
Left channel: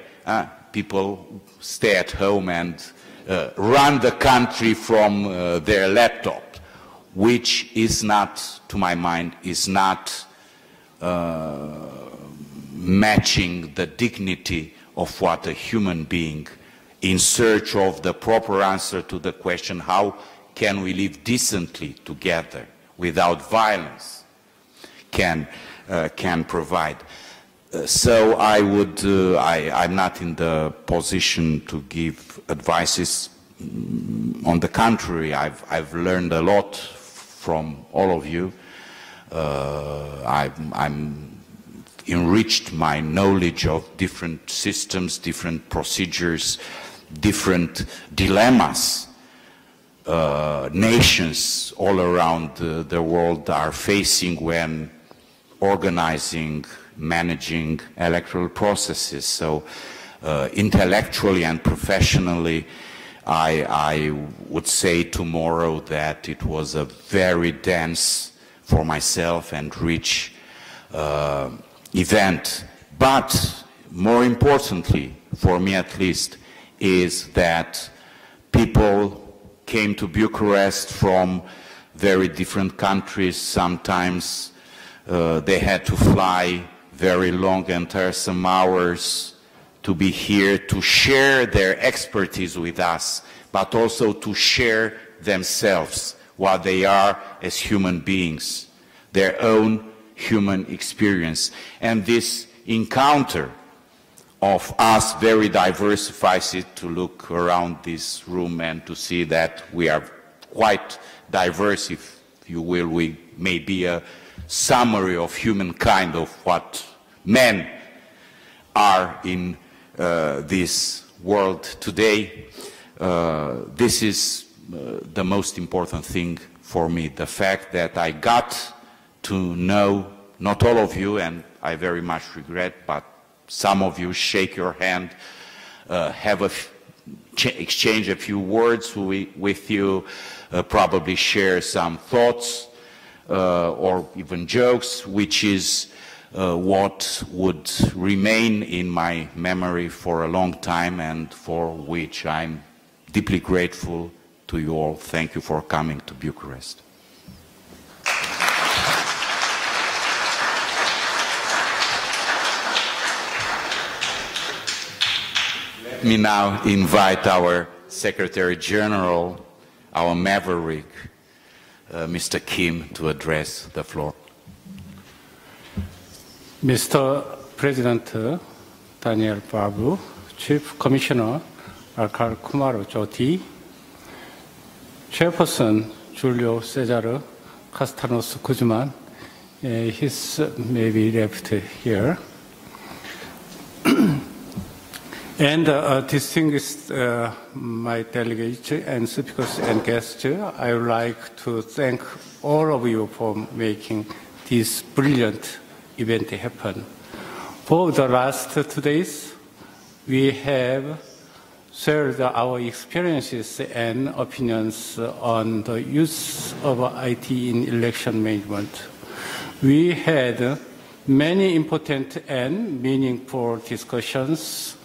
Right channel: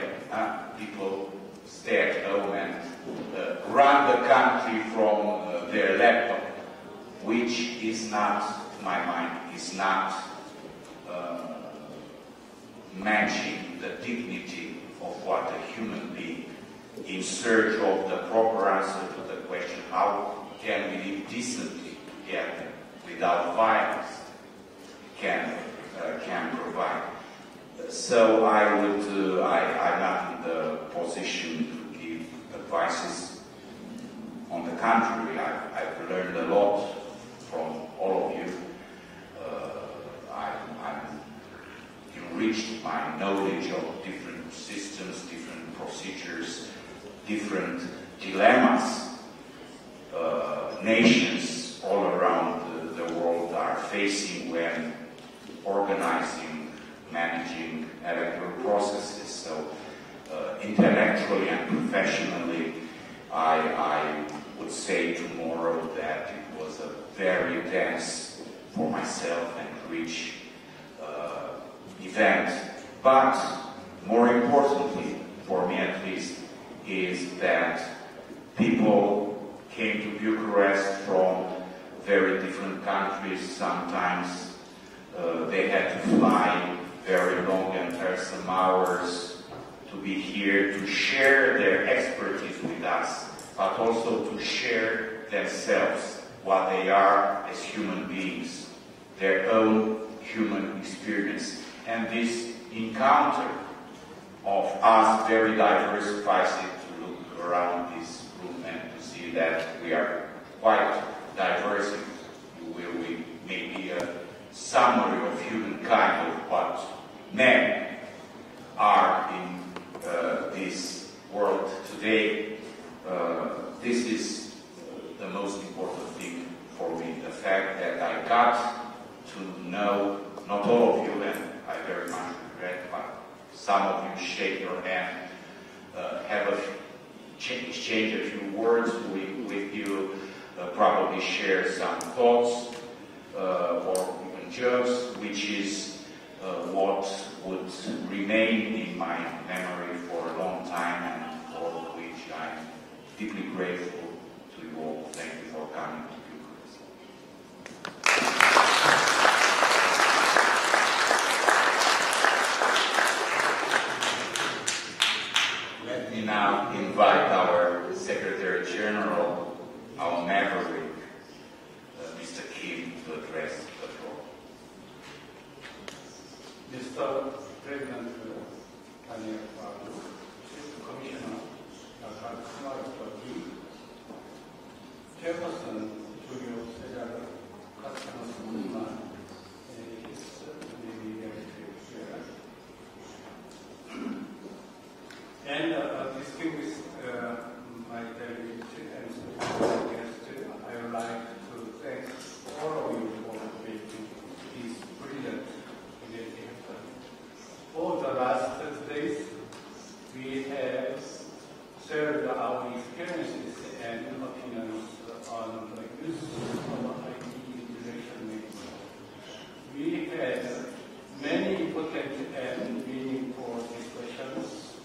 People stay at home and run the country from their laptop, which is not, to my mind, is not matching the dignity of what a human being in search of the proper answer to the question, how can we live decently together without violence, can provide. So I would, I'm not in the position to give advices. On the contrary, I've learned a lot from all of you. I'm enriched my knowledge of different systems, different procedures, different dilemmas nations all around the world are facing when organizing, managing electoral processes. So intellectually and professionally, I would say tomorrow that it was a very dense, for myself, and rich event. But more importantly, for me at least, is that people came to Bucharest from very different countries. Sometimes they had to fly very long and tiresome hours to be here to share their expertise with us, but also to share themselves, what they are as human beings, their own human experience. And this encounter of us very diversifies it, to look around this room and to see that we are quite diverse, if you will. We may be a summary of humankind, of what men are in this world today. This is the most important thing for me. The fact that I got to know not all of you, and I very much regret, but some of you shake your hand, exchange a few words with you, probably share some thoughts or even jokes, which is what would remain in my memory for a long time and for which I'm deeply grateful to you all. Thank you for coming to Bucharest. Let me now invite our Secretary General, our maverick, Mr. Kim, to address the floor. Mr. President Daniel Babu, Chief Commissioner Alkal Kumaro Jyoti, Chairperson Julio Cesar Castanos Guzman, he's maybe left here, and distinguished my delegates and speakers and guests, I would like to thank all of you for making this brilliant event happen. For the last 2 days, we have shared our experiences and opinions on the use of IT in election management. We had many important and meaningful discussions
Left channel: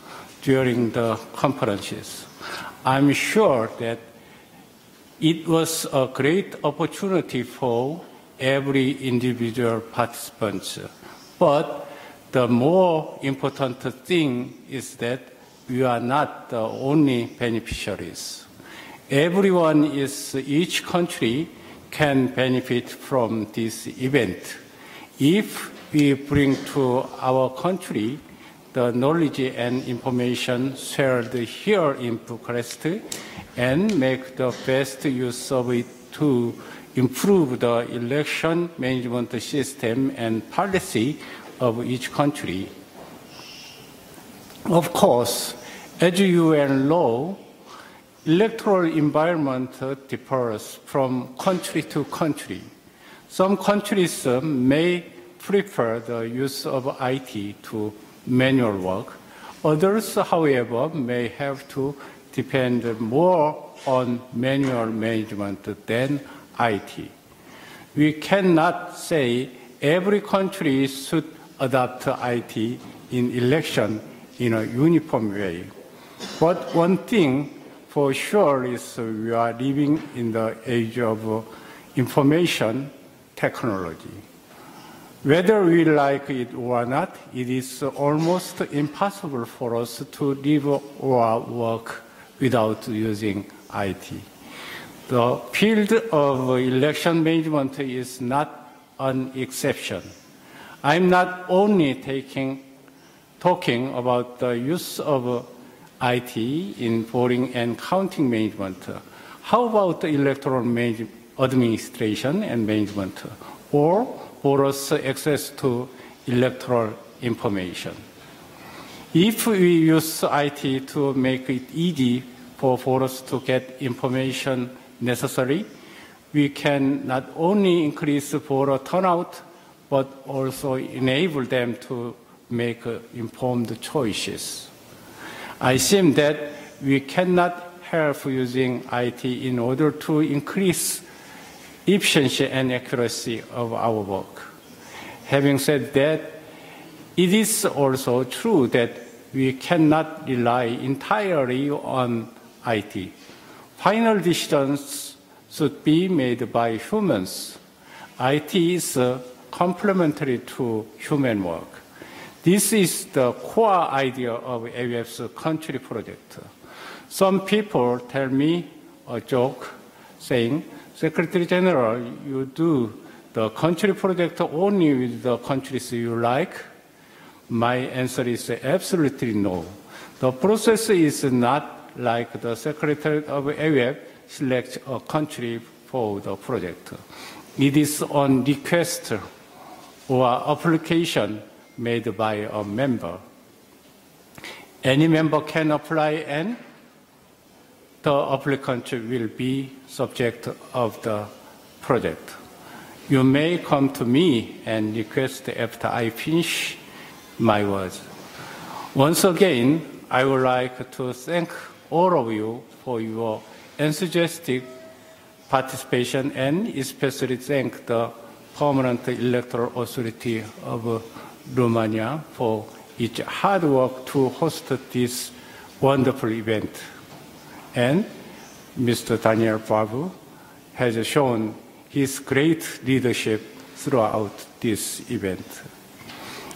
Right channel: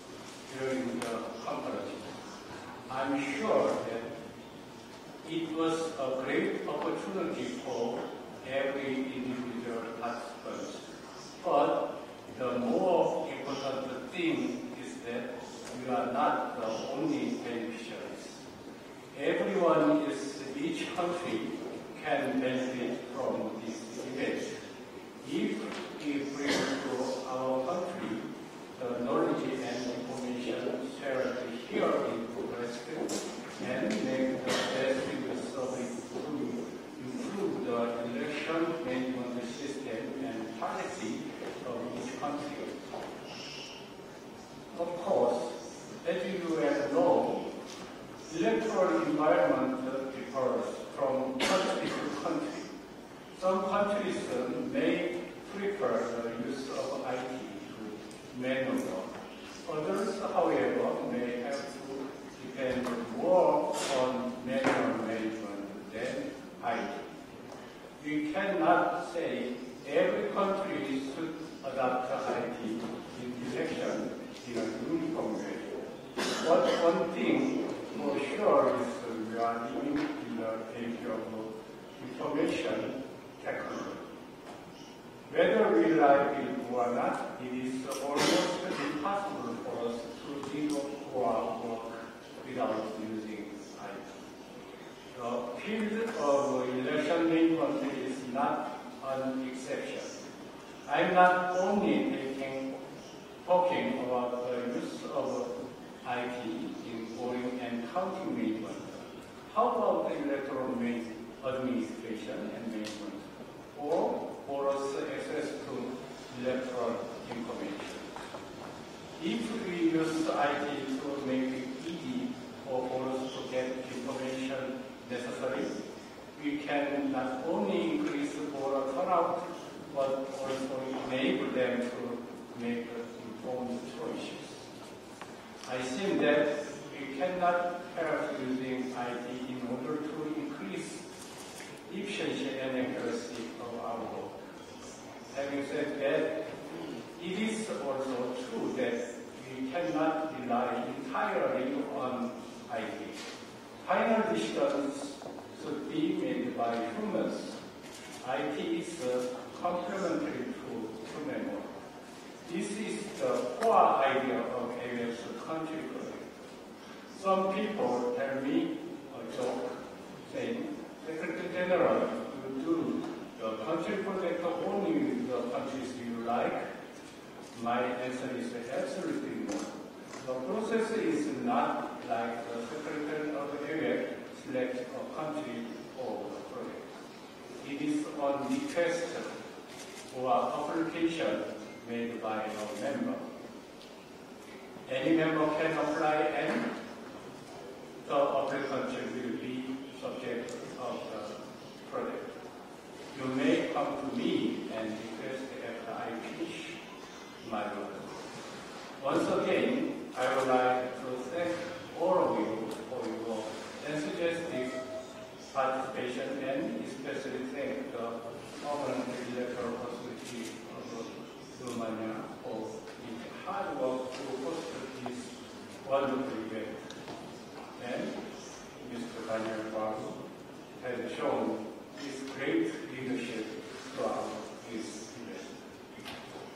during the conferences. I'm sure that it was a great opportunity for every individual participant. But the more important thing is that we are not the only beneficiaries. Each country can benefit from this event if we bring to our country the knowledge and information shared here in Bucharest and make the best use of it to improve the election management system and policy of each country. Of course, as you well know, electoral environment differs from country to country. Some countries may prefer the use of IT to manual work. Others, however, may have to depend more on manual management than IT. We cannot say every country should adopt IT in election in a uniform way. But one thing for sure is we are living in the age of information technology. Whether we like it or not, it is almost impossible for us to live or work without using IT. The field of election management is not an exception. I'm not only talking about the use of IT in voting and counting management. How about the electoral administration and management, or voters' access to electoral information? If we use IT to make it easy for voters to get information necessary, we can not only increase voter turnout, but also enable them to make informed choices. I think that we cannot help using IT in order to increase efficiency and accuracy of our work. Having said that, it is also true that we cannot rely entirely on IT. Final decisions should be made by humans. IT is complementary to human work. This is the core idea of AWF's country project. Some people tell me a joke saying, Secretary General, you do the country project only with the countries you like? My answer is absolutely no. The process is not like the Secretary of AWF selects a country for the project. It is on request or application made by a member. Any member can apply and the applicant will be subject of the project. You may come to me and request after I finish my words. Once again, I would like to thank all of you for your enthusiastic participation and especially thank the Permanent Electoral Authority of Romania for its hard work to host this wonderful event. And Mr. Daniel Babu has shown his great leadership throughout this event.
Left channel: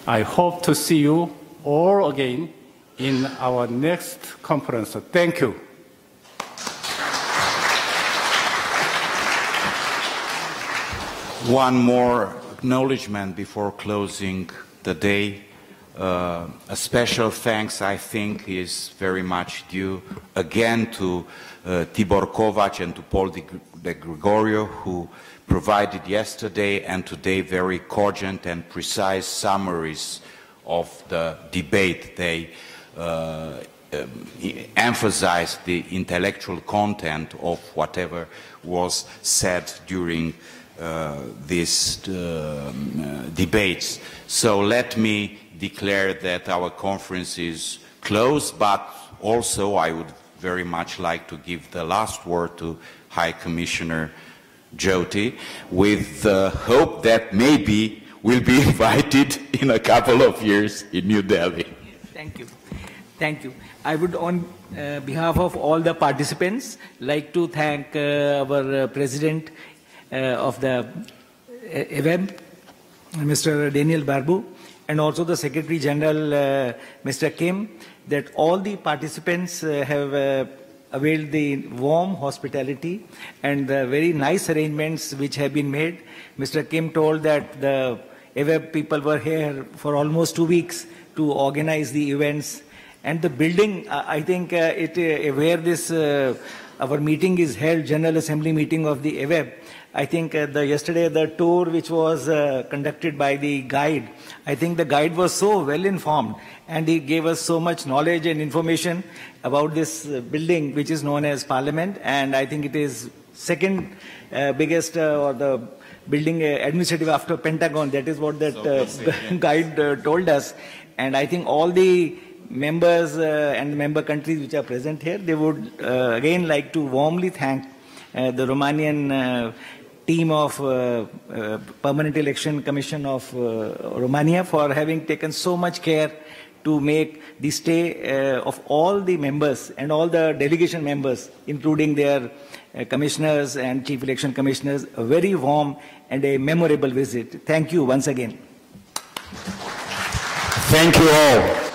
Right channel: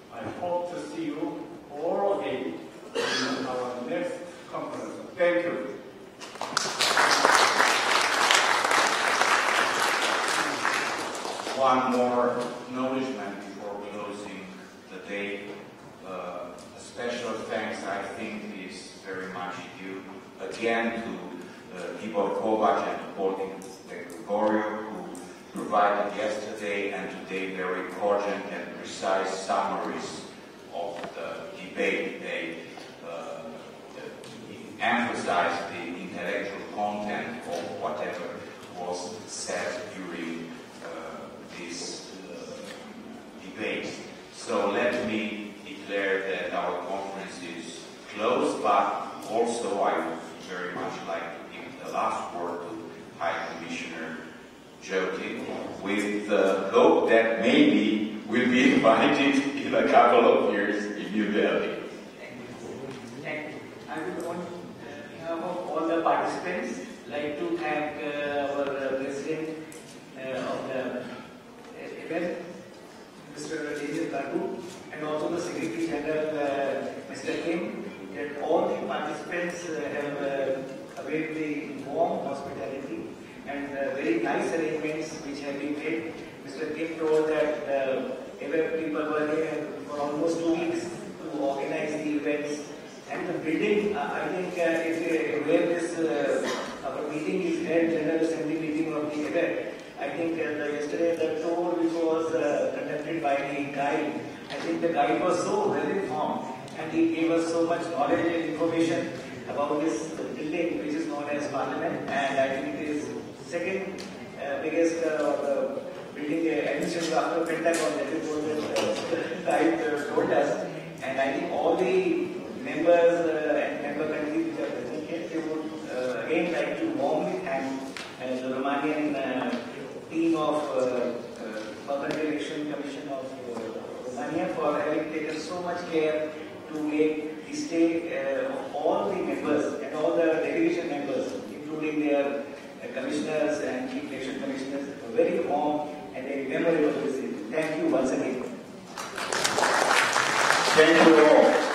I hope to see you all again in our next conference. Thank you. One more acknowledgement before closing the day. A special thanks, I think, is very much due again to Tibor Kovac and to Paul de Gregorio, who provided yesterday and today very cogent and precise summaries of the debate. They emphasized the intellectual content of whatever was said during these debates. So let me declare that our conference is closed, but also I would very much like to give the last word to High Commissioner Jyoti, with the hope that maybe we'll be invited in a couple of years in New Delhi. Thank you. Thank you. I would, on behalf of all the participants, like to thank our President of the event, Mr. Daniel Barbu, and also the Secretary General, Mr. Kim, that all the participants have availed the warm hospitality and the very nice arrangements which have been made. Mr. Kim told that the AWEB people were here for almost 2 weeks to organize the events. And the building, I think where this our meeting is held, General Assembly meeting of the AWEB, I think yesterday the tour which was conducted by the guide, I think the guide was so well informed and he gave us so much knowledge and information about this building which is known as Parliament, and I think it is second biggest or the building administrative after Pentagon. That is what that guide told us. And I think all the members and member countries which are present here, they would again like to warmly thank the Romanian team of Permanent Election Commission of Romania for having taken so much care to make the stay of all the members and all the delegation members, including their commissioners and chief election commissioners, a very warm and a memorable visit. Thank you once again. Thank you all.